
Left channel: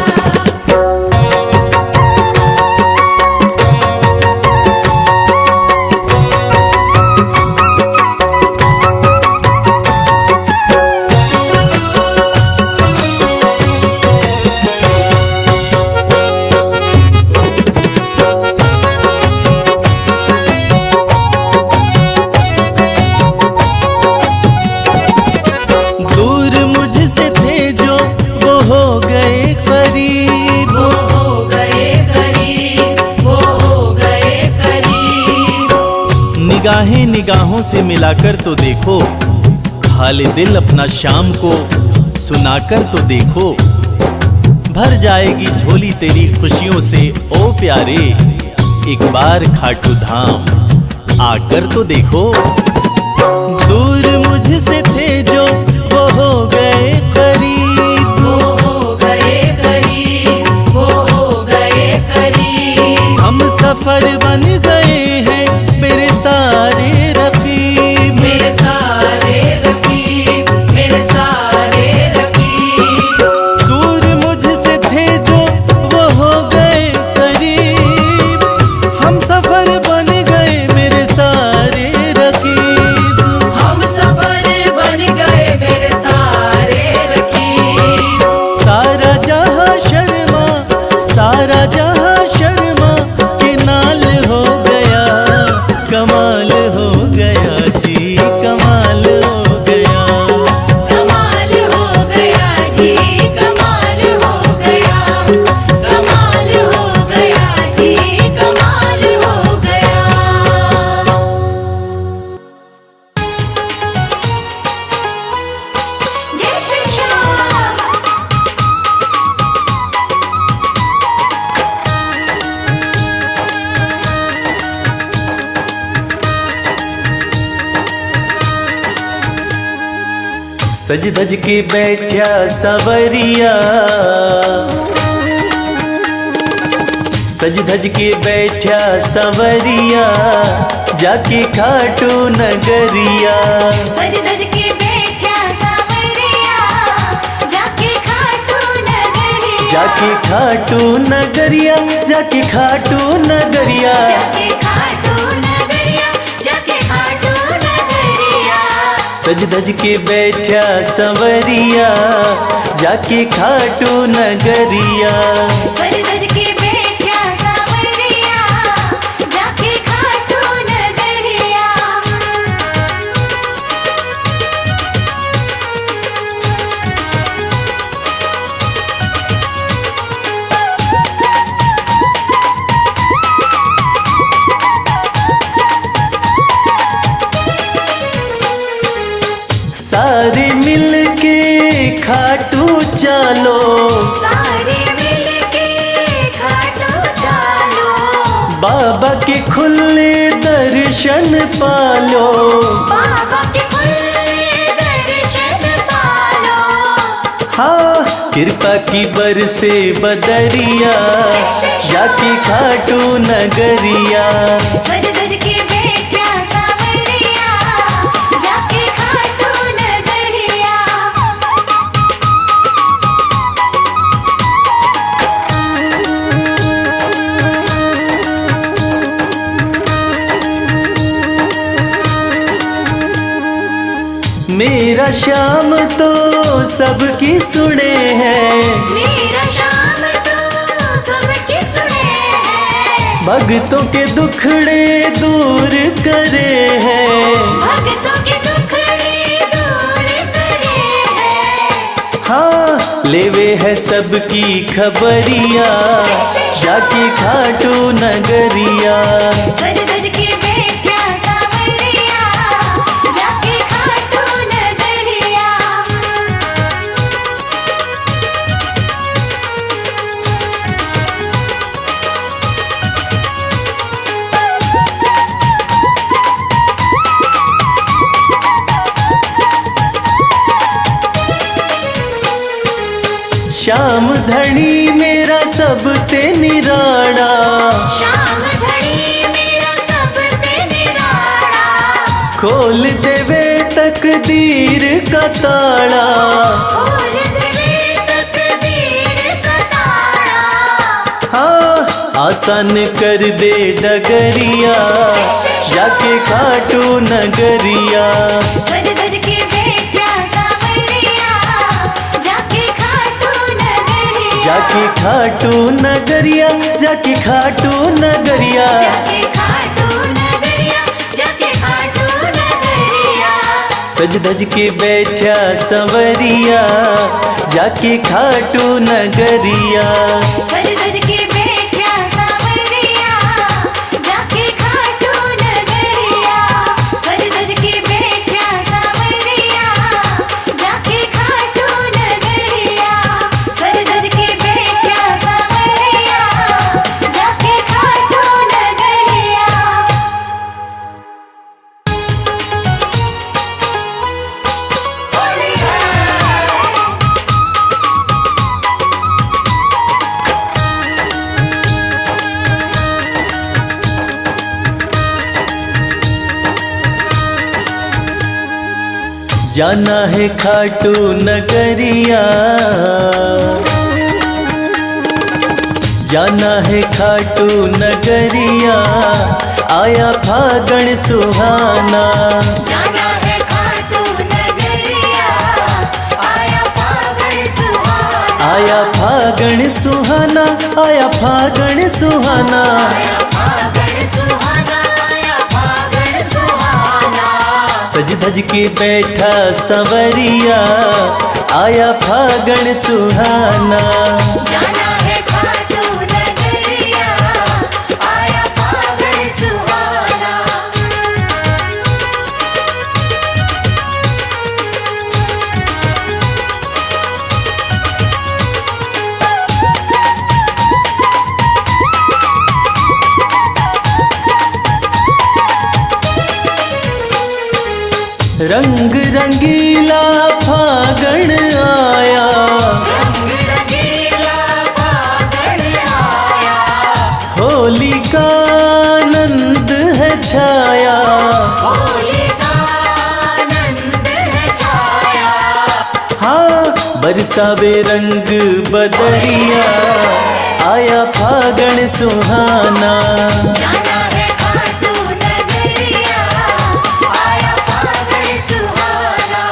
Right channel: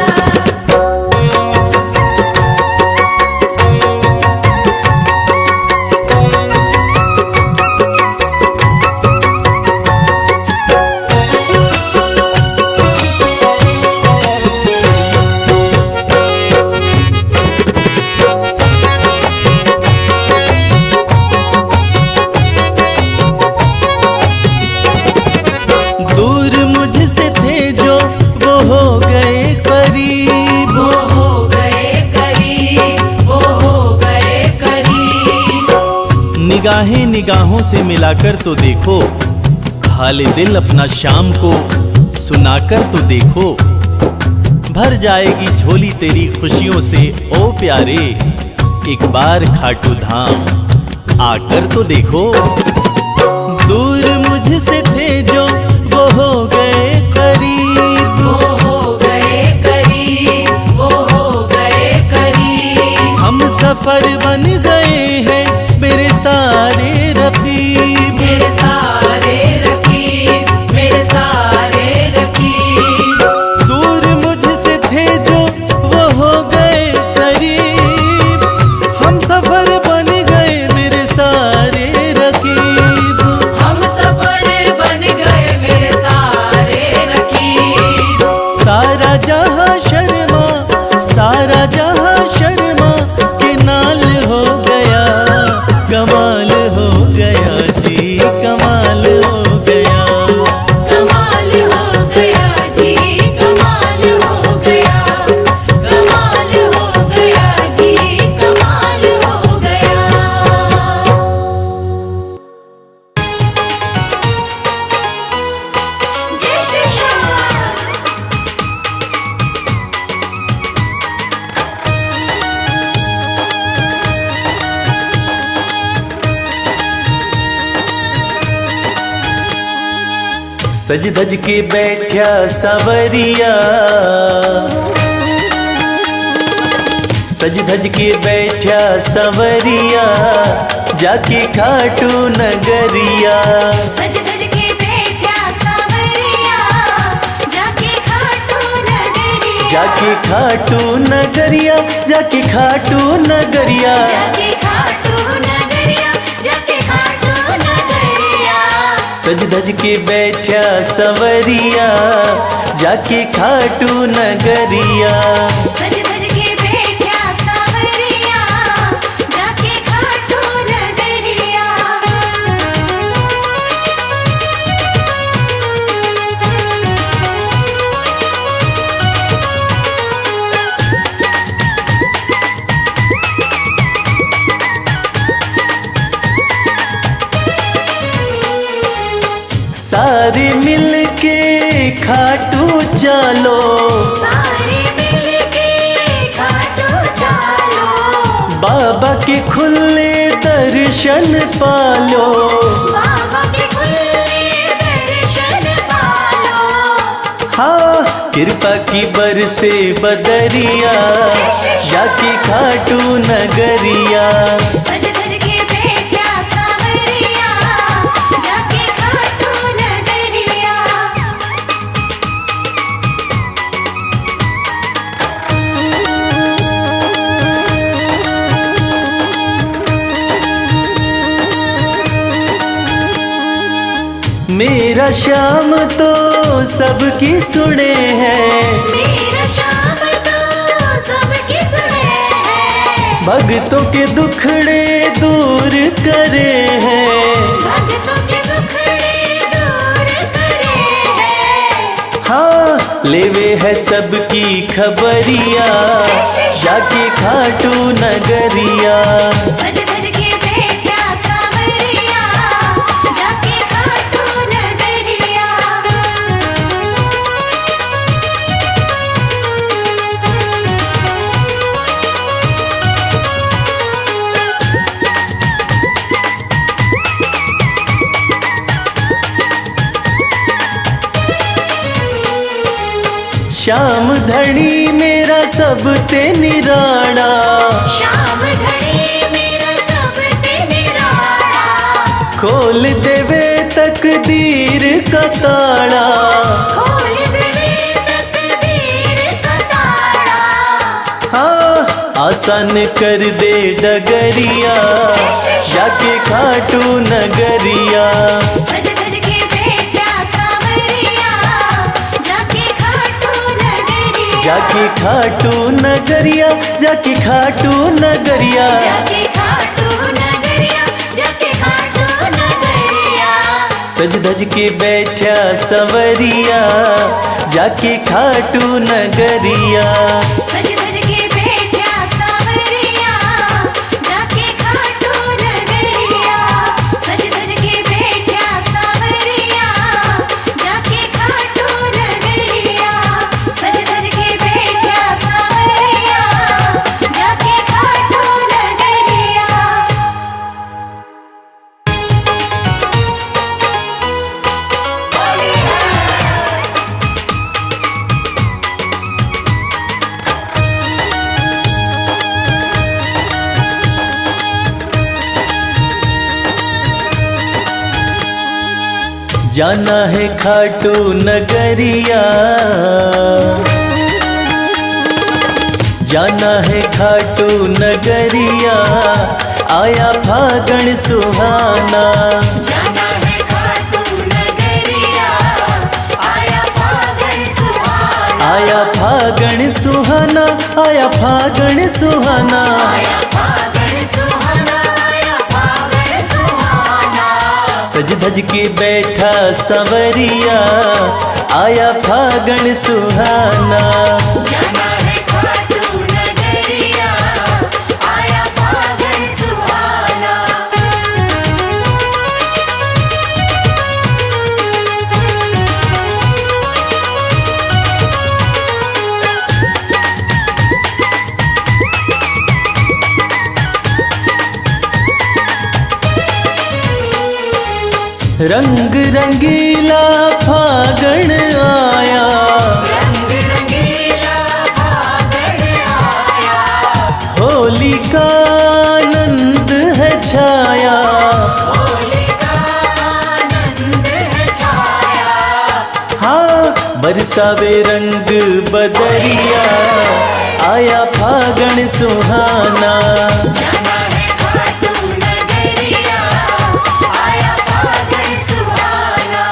दूर मुझसे थे जो वो हो गए करीब, वो हो गए करीब, वो हो गए करीब। निगाहें निगाहों से मिलाकर तो देखो, हाल दिल अपना शाम को सुनाकर तो देखो। भर जाएगी झोली तेरी खुशियों से ओ प्यारे, एक बार खाटू धाम आकर तो देखो। दूर मुझसे थे जो वो हो गए करीब, वो हो गए करीब, वो हो गए करीब। हम सफर बन गए हैं मेरे सारे रकीब, मेरे सारे रकीब, मेरे सारे रकीब। दूर मुझसे थे जो वो हो गए करीब, हम सफर बन गए मेरे सारे रकीब। हम सफर बन गए मेरे सारे रकीब। सारा जहां शर्मा, सारा जहां शर्मा के नाल हो गया, कमाल हो गया जी, कमाल हो गया। कमाल हो गया जी, कमाल हो गया। कमाल हो गया जी, कमाल हो गया। जय श्री श्याम। सज धज के बैठा सवरिया, सज धज के बैठा सवरिया, जाके खाटू नगरिया, सज धज के बैठा सावरिया, जाके खाटू नगरिया। जाके खाटू नगरिया, जाके खाटू नगरिया। जाके खाटू नगरिया, जाके खाटू नगरिया। सज धज के बैठा सवरिया, जाके खाटू नगरिया। सज धज के बैठा सावरिया, जाके खाटू नगरिया। सारे मिल के खाटू चलो, सारे मिलके खाटू चलो। बाबा के खुले दर्शन पालो। बाबा के खुले दर्शन पालो। हाँ कृपा की बरसे बदरिया, जाके खाटू नगरिया। सज धज के बैठा सावरिया, जाके खाटू नगरिया। मेरा श्याम तो सबकी सुने हैं, मेरा श्याम तो सबकी सुने हैं। भक्तों के दुखड़े दूर करे हैं। भक्तों के दुखड़े दूर करे हैं। हाँ लेवे है सबकी खबरिया, जाके खाटू नगरिया। सज सज के बैठा सांवरिया, जाके खाटू नगरिया। श्याम धनी मेरा सब ते निराड़ा, श्याम धनी मेरा सब पे निराला। खोल देवे तकदीर का ताड़ा। खोल देवे तकदीर का ताला। हाँ आसान कर दे डगरिया, जाके खाटू नगरिया। सज सज के बैठा सांवरिया, जाके खाटू नगरिया। जाके खाटू नगरिया, जाके खाटू नगरिया। जाके खाटू नगरिया, जाके खाटू नगरिया। सज धज के बैठा संवरिया, जाके खाटू नगरिया। सज सज के बैठा सांवरिया, जाके खाटू नगरिया। सज सज के बैठा सांवरिया, जाके खाटू नगरिया। सज सज के बैठा सांवरिया, जाके खाटू नगरिया। जाना है खाटू नगरिया, जाना है खाटू नगरिया। आया फागण सुहाना, जाना है खाटू नगरिया, आया फागण सुहाना। आया फागण सुहाना, आया फागण सुहाना। आया फागण सुहाना, आया फागण सुहाना। सज धज के बैठा संवरिया, आया फागण सुहाना। जाना है खाटू नगरिया, आया फागण सुहाना। रंग रंगीला फागण आया, रंग रंगीला फागण आया। होली का आनंद है छाया। होली का आनंद है छाया। हाँ बरसावे रंग बदरिया, आया फागण सुहाना। जाना है खाटू नगरिया, आया फागण सुहाना।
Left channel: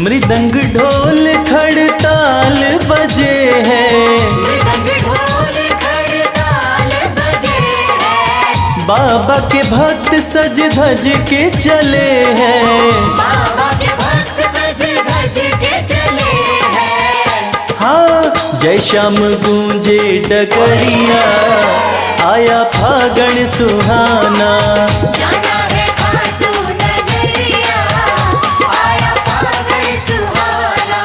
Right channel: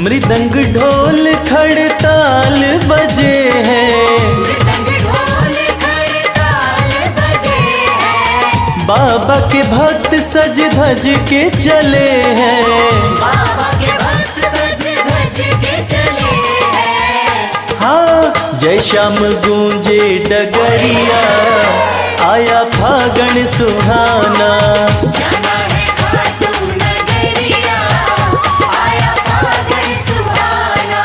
मृदंग ढोल खड़ताल बजे हैं, मृदंग ढोल खड़ताल बजे हैं। बाबा के भक्त सज धज के चले हैं। बाबा के भक्त सज धज के चले हैं। हाँ जय श्याम गूंजे डगरिया, आया फागण सुहाना। जाना है खाटू नगरिया, आया फागण सुहाना।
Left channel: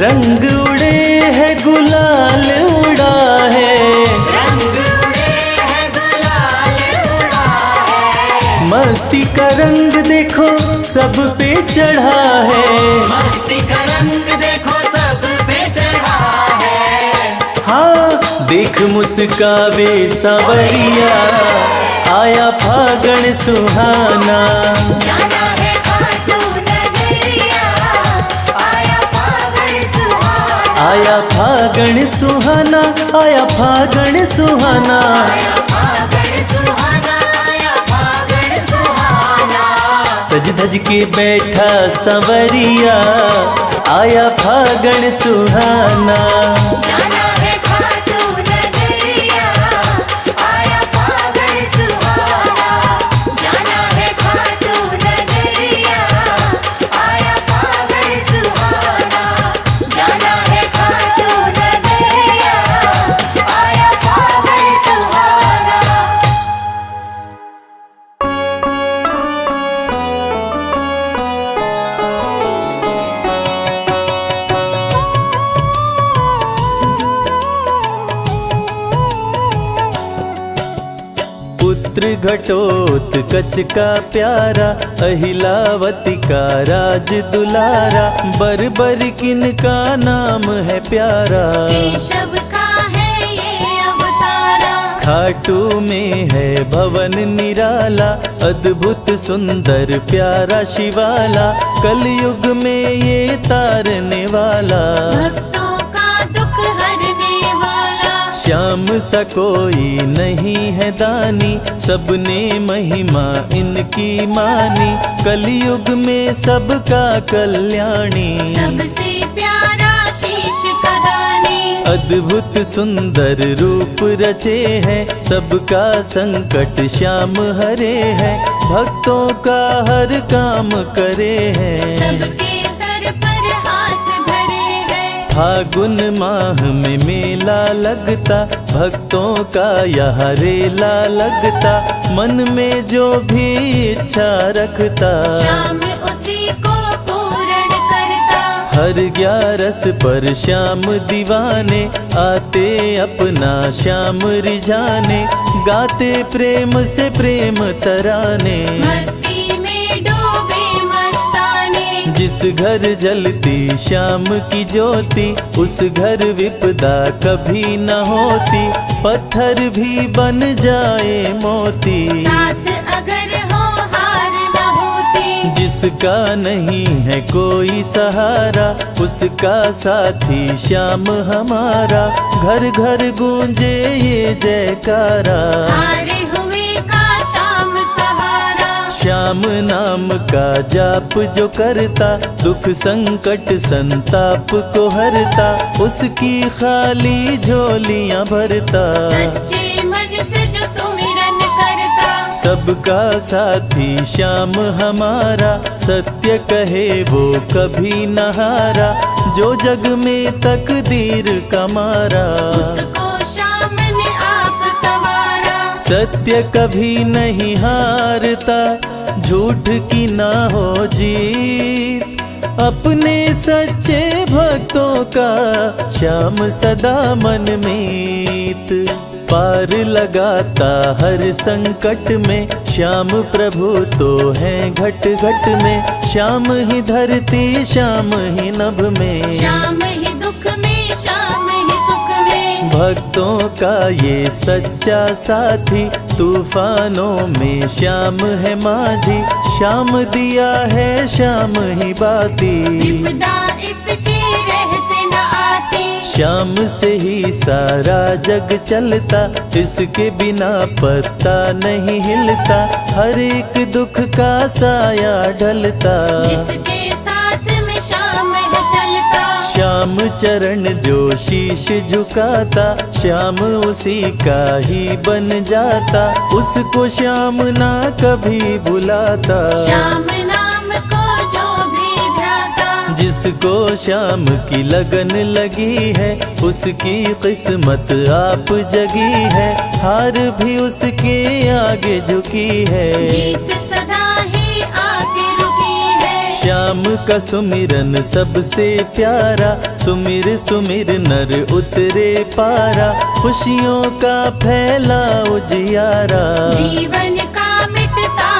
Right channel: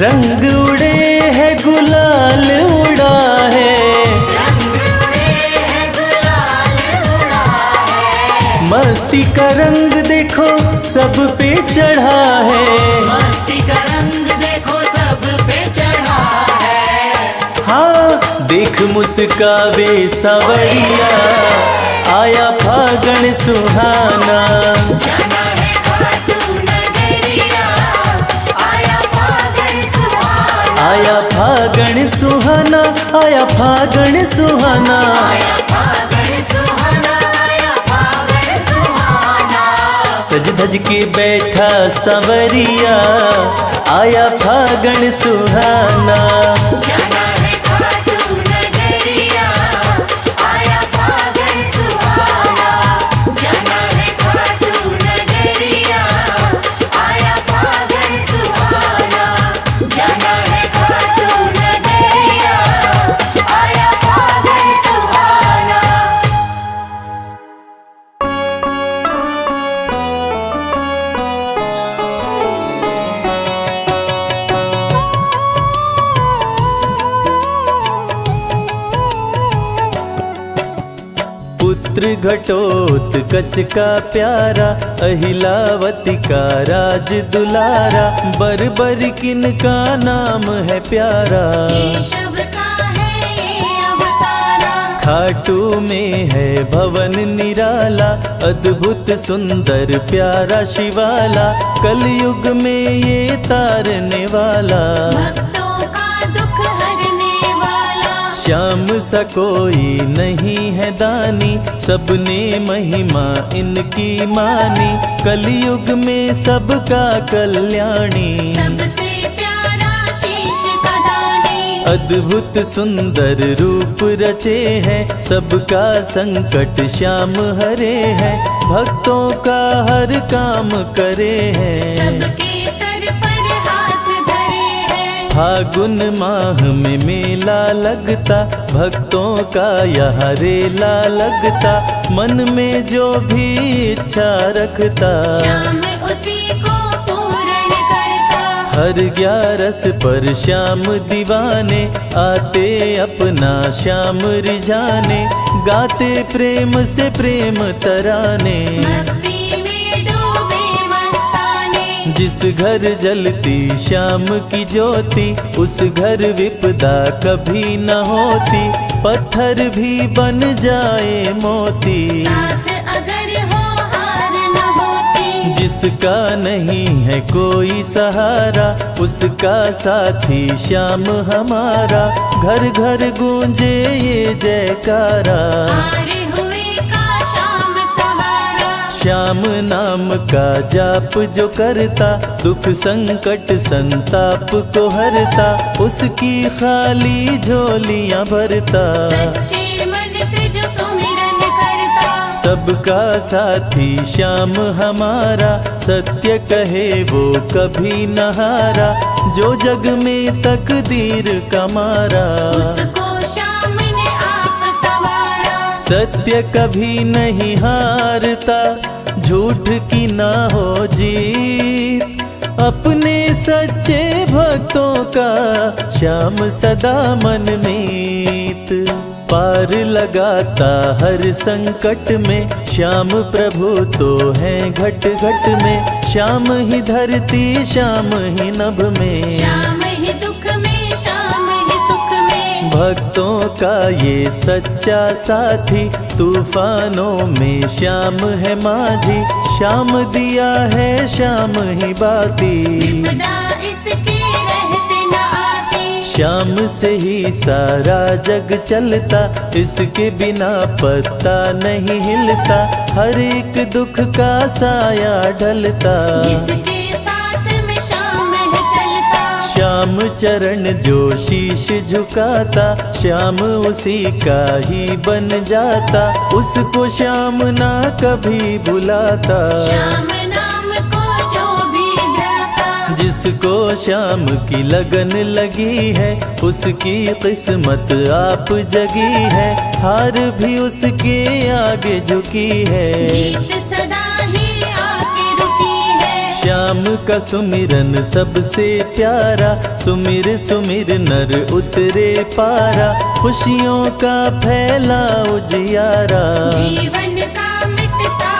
रंग उड़े है गुलाल उड़ा है, रंग उड़े हैं गुलाल उड़ा है। मस्ती का रंग देखो सब पे चढ़ा है, मस्ती का रंग देखो सब पे चढ़ा है। हाँ देख मुस्कावे सावरिया, आया फागण सुहाना। जाना है खाटू नगरिया, आया फागण सुहाना। आया फागण सुहाना, आया फागण सुहाना। फागण सुहाना, आया फागण सुहाना। सज धज के बैठा संवरिया, आया फागण सुहाना। जाना है खाटू नगरिया, आया फागण सुहाना। जाना है खाटू नगरिया, आया फागण सुहाना। जाना है खाटू नगरिया, आया फागण सुहाना। पुत्र घटोत्कच का प्यारा, अहिलावती का राज दुलारा। बर बर किन का नाम है प्यारा, केशव का है ये अवतारा। खाटू में है भवन निराला। अद्भुत सुंदर प्यारा शिवाला, कलयुग में ये तारने वाला। भक्तों का दुख हरने वाला। श्याम सा कोई नहीं है दानी, सबने महिमा इनकी मानी। कलयुग में सबका कल्याणी, सबसे प्यारा शीश का दानी। अद्भुत सुंदर रूप रचे हैं, सबका संकट श्याम हरे हैं। भक्तों का हर काम करे हैं, सबके सर पर हाथ धरे हैं। फागुन माह में मेला लगता, भक्तों का यहाँ रेला लगता। मन में जो भी इच्छा रखता, श्याम उसी को पूर्ण करता। हर 11 पर श्याम दीवाने, आते अपना श्याम रिझाने। गाते प्रेम से प्रेम तराने, मस्ती में डूबे मस्ताने। जिस घर जलती श्याम की ज्योति, उस घर विपदा कभी न होती। पत्थर भी बन जाए मोती, साथ अगर हो हार न होती। जिसका नहीं है कोई सहारा, उसका साथी श्याम हमारा। घर घर गूंजे ये जयकारा, हारे हुए का श्याम सहारा। श्याम नाम का जाप जो करता, दुख संकट संताप को हरता। उसकी खाली झोलियां भरता, सच्चे मन से जो सुमिरन करता। सबका साथी श्याम हमारा। सत्य कहे वो कभी न हारा, जो जग में तकदीर का मारा। उसको श्याम ने आप संवारा। सत्य कभी नहीं हारता, झूठ की ना हो जीत। अपने सच्चे भक्तों का श्याम सदा मन मीत। पार लगाता हर संकट में, श्याम प्रभु तो हैं घट घट में। श्याम ही धरती श्याम ही नभ में, श्याम ही दुख में श्याम ही सुख में। भक्तों का ये सच्चा साथी। तूफानों में श्याम है माझी, श्याम दिया है श्याम ही बाती। विपदा इसके रहते न आती। श्याम से ही सारा जग चलता, इसके बिना पत्ता नहीं हिलता। हर एक दुख का साया ढलता, जिसके साथ में श्याम है चलता। श्याम चरण जो शीश झुकाता, श्याम उसी का ही बन जाता। उसको श्याम ना कभी बुलाता, श्याम नाम को जो भी ध्याता। जिसको श्याम की लगन लगी है, उसकी किस्मत आप जगी है। हार भी उसके आगे झुकी है, जीत सदा ही आगे रुकी है। श्याम का सुमिरन सबसे प्यारा। सुमिर सुमिर नर उतरे पारा, खुशियों का फैला उजियारा। जीवन का मिटता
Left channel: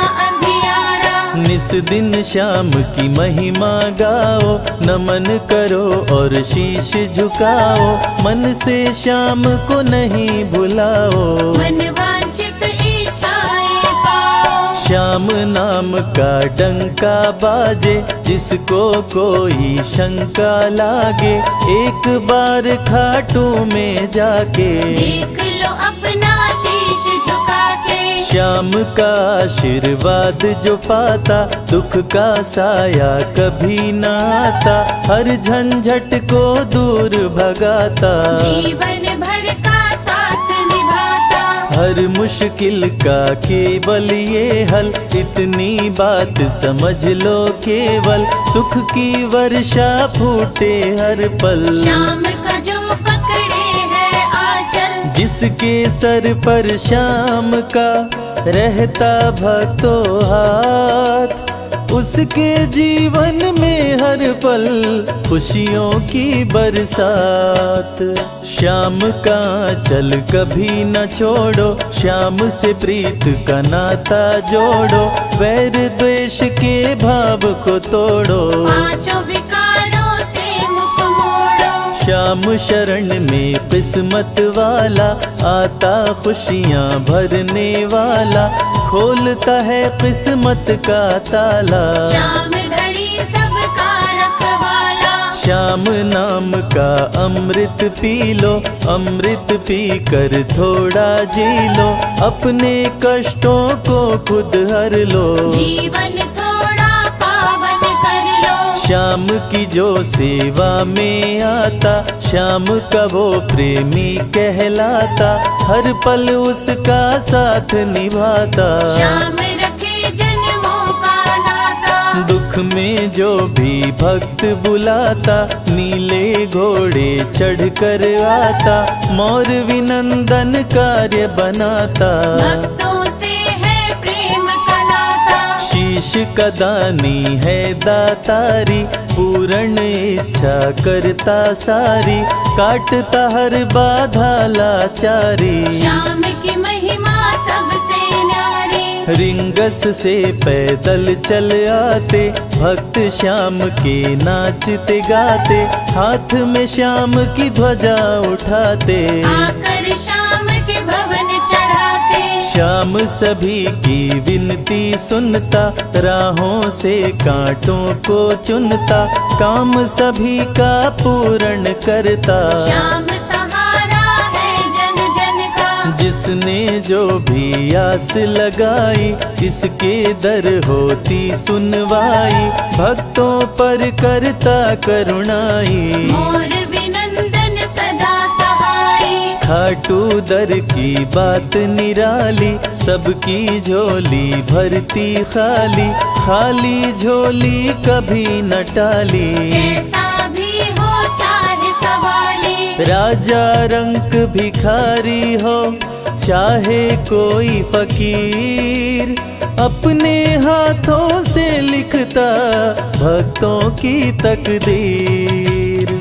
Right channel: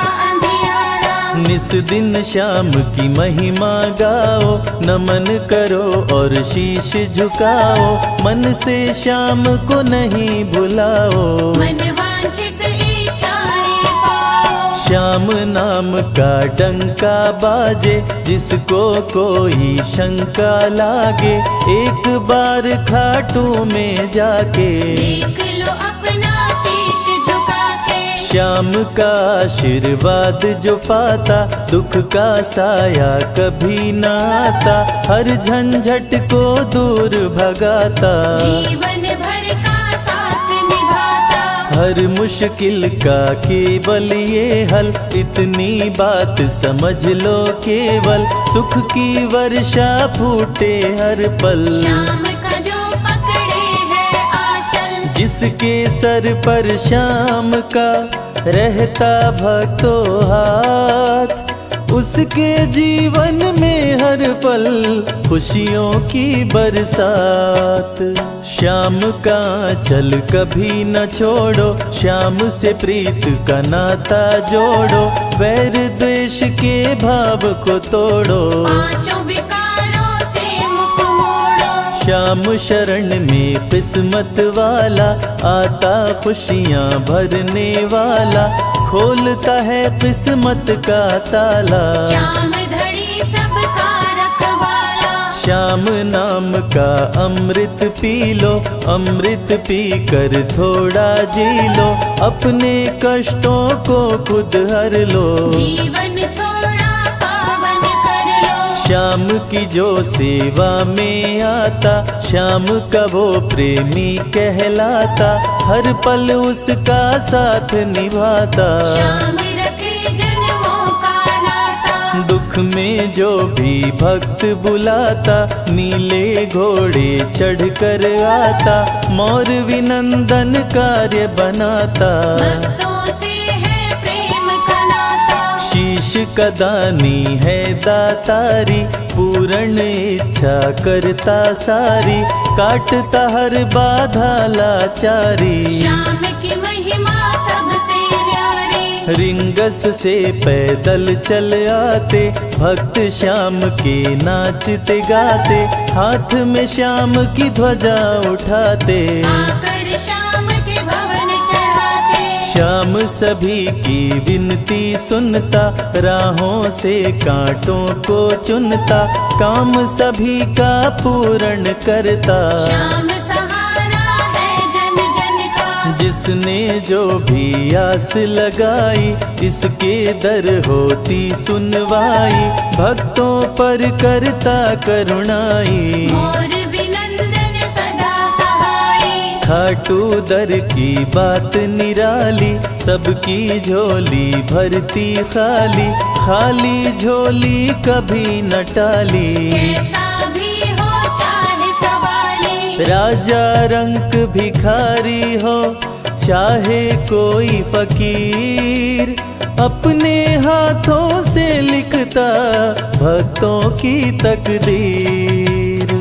निस दिन श्याम की महिमा गाओ, नमन करो और शीश झुकाओ, मन से श्याम को नहीं भुलाओ। मनवांछित इच्छाएं पाओ। श्याम नाम का डंका बाजे, जिसको कोई शंका लागे, एक बार खाटू में जाके देख लो अपना शीश झुका के। श्याम का आशीर्वाद जो पाता, दुख का साया कभी न आता, हर झंझट को दूर भगाता, जीवन भर का साथ निभाता। हर मुश्किल का केवल ये हल, इतनी बात समझ लो केवल, सुख की वर्षा फूटे हर पल। श्याम का जो पकड़े है आंचल, जिसके सर पर श्याम का रहता भक्तों हाथ, उसके जीवन में हर पल खुशियों की बरसात। श्याम का चल कभी न छोड़ो, श्याम से प्रीत का नाता जोड़ो, वैर द्वेष के भाव को तोड़ो, पांचों विकारों से मुख मोड़ो। श्याम शरण में किस्मत वाला, आता खुशियाँ भरने वाला, खोलता है किस्मत का ताला। श्याम धड़ी सबका रखवाला। श्याम नाम का अमृत पी लो, अमृत पी कर थोड़ा जी लो, अपने कष्टों को खुद हर लो, जीवन थोड़ा पावन कर लो। श्याम की जो सेवा में आता, श्याम का वो प्रेमी कहलाता, हर पल उसका साथ निभाता। श्याम रखे जन्मों का नाता। दुख में जो भी भक्त बुलाता, नीले घोड़े चढ़ कर आता, मोर विनंदन कार्य बनाता, भक्तों से है प्रेम का नाता। शीश का दानी है दातारी, पूर्ण इच्छा करता सारी, काटता हर बाधा लाचारी। श्याम की महिमा सबसे न्यारी। रिंगस से पैदल चल आते, भक्त श्याम के नाचते गाते, हाथ में श्याम की ध्वजा उठाते, आकर श्याम के भवन चढ़ाते। श्याम सभी की विनती सुनता, राहों से कांटों को चुनता, काम सभी का पूर्ण करता। श्याम सहारा है जन जन का। जिसने जो भी आस लगाई, इसके दर होती सुनवाई, भक्तों पर करता करुणाई, मोर विनंदन सदा सहाय। खाटू दर की बात निराली, सबकी झोली भरती खाली, खाली झोली कभी न टाली। कैसा भी हो चाहे सवाली। राजा रंक भिखारी हो, चाहे कोई फकीर, अपने हाथों से लिखता भक्तों की तकदीर।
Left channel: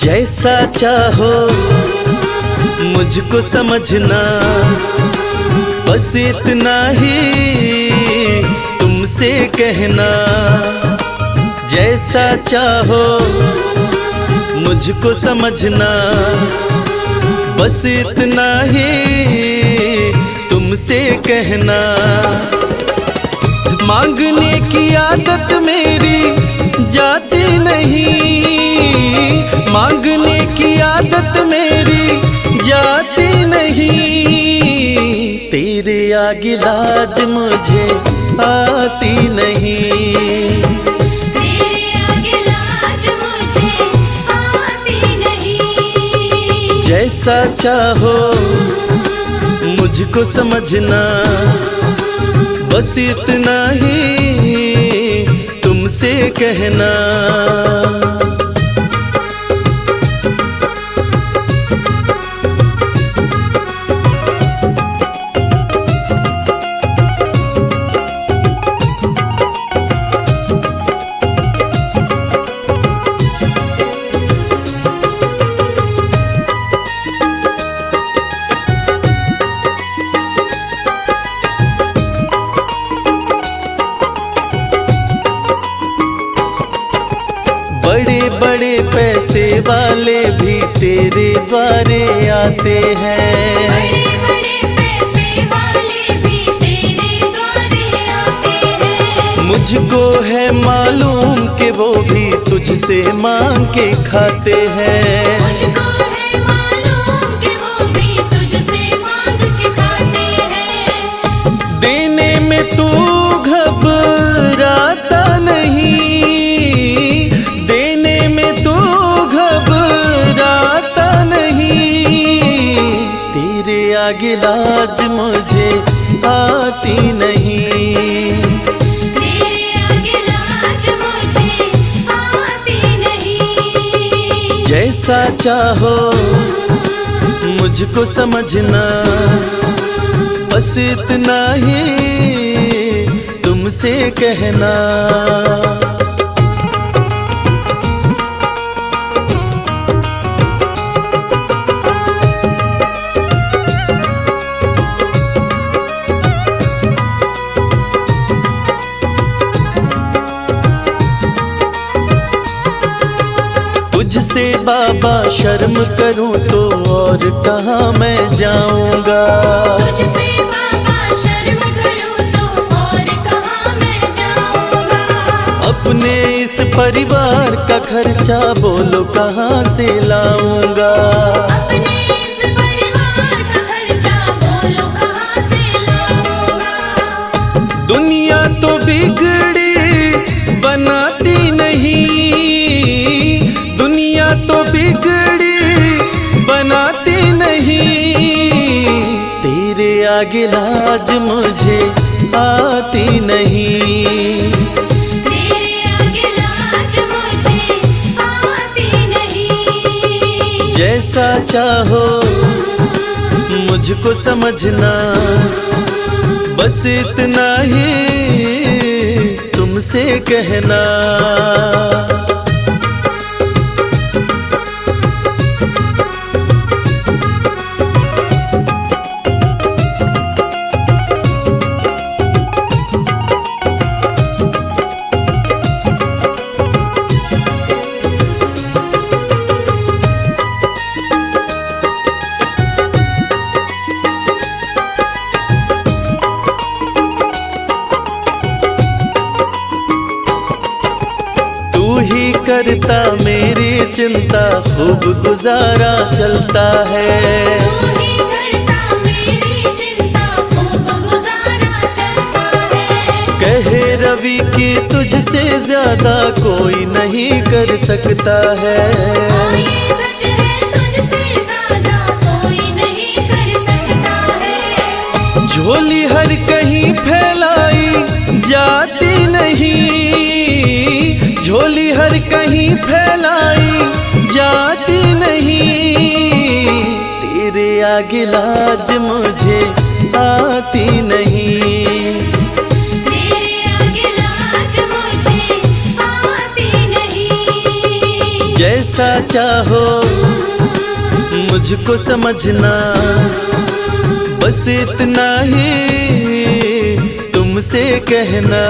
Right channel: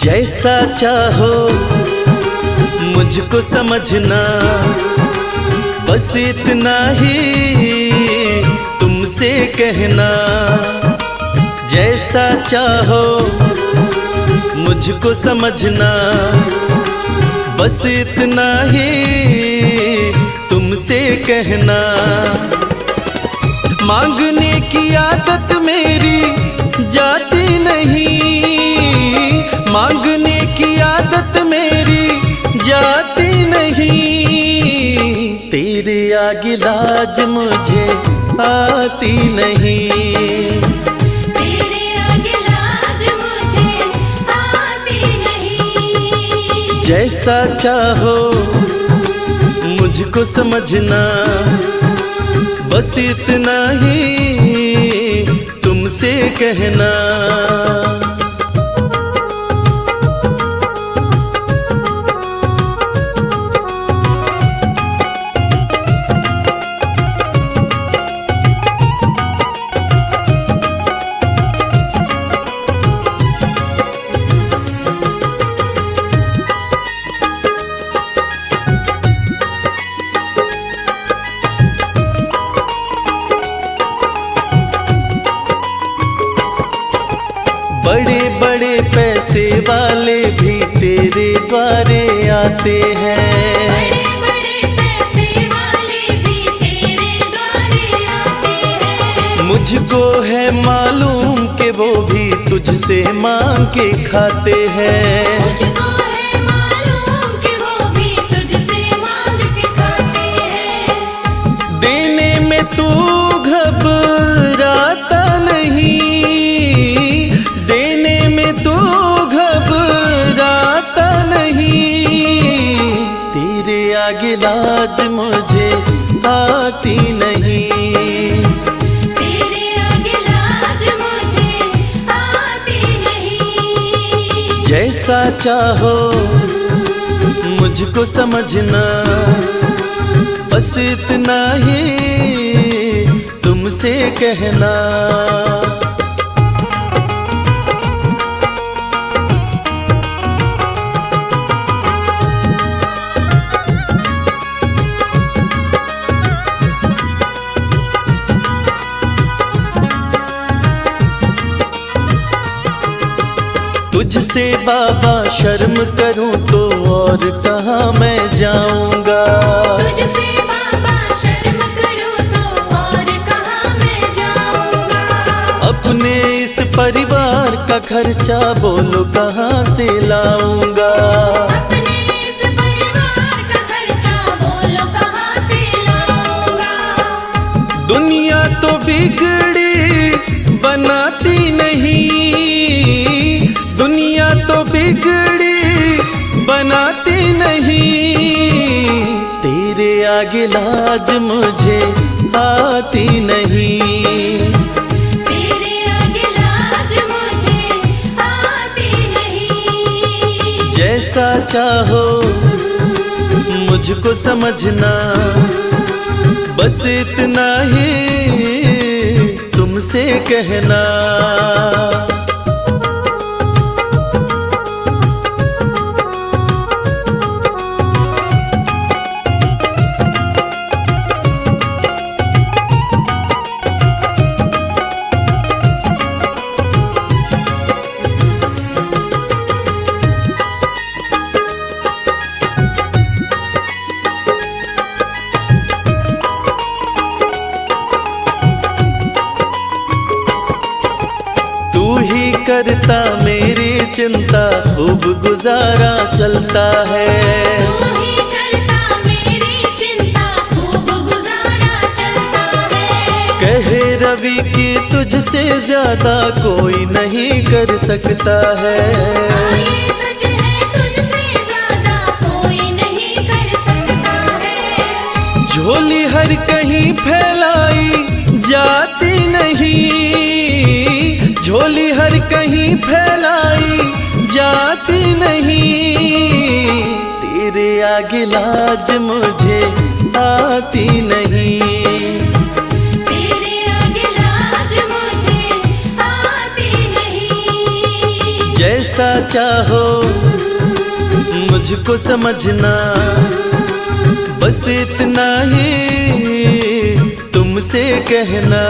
जैसा चाहो मुझको समझना, बस इतना ही तुमसे कहना। जैसा चाहो मुझको समझना, बस इतना ही तुमसे कहना। मांगने की आदत मेरी जाती नहीं, मांगने की आदत मेरी जाती नहीं, तेरे आगे लाज मुझे आती नहीं। तेरे आगे लाज मुझे आती नहीं। जैसा चाहो मुझको समझना, बस इतना ही तुमसे कहना। बड़े बड़े पैसे वाले भी तेरे द्वारे आते हैं। बड़े पैसे वाले भी तेरे द्वारे आते हैं। मुझको है मालूम कि वो भी तुझसे मांग के खाते हैं। मुझको है मालूम कि वो भी तुझसे मांग के खाते हैं। देने में तू घबराता नहीं, देने में तू घबराता नहीं। तेरे आगे लाज मुझे आती नहीं। तेरे आगे लाज मुझे आती नहीं। जैसा चाहो मुझको समझना, बस इतना ही तुमसे कहना। तुझसे बाबा शर्म करूं तो और कहाँ मैं जाऊंगा। तुझसे बाबा शर्म करूं तो और कहाँ मैं जाऊंगा। अपने इस परिवार का खर्चा बोलो कहाँ से लाऊंगा। अपने इस परिवार का खर्चा बोलो कहाँ से लाऊंगा। दुनिया तो बिगड़ी बनाती नहीं, दुनिया तो बिगड़ी बनाती नहीं। तेरे आगे लाज मुझे आती नहीं। तेरे आगे लाज मुझे आती नहीं। जैसा चाहो मुझको समझना, बस इतना ही तुमसे कहना। तू ही करता मेरी चिंता, खूब गुजारा चलता है। तू ही करता मेरी चिंता, खूब गुजारा चलता है। कहे रवि कि तुझसे ज्यादा कोई नहीं कर सकता है। ये सच है, तुझसे ज्यादा कोई नहीं कर सकता है। झोली हर कहीं फैलाई जाती नहीं, झोली हर कहीं फैलाई जाती नहीं। तेरे आगे लाज मुझे आती नहीं। तेरे आगे लाज मुझे आती नहीं। जैसा चाहो मुझको समझना, बस इतना ही तुमसे कहना।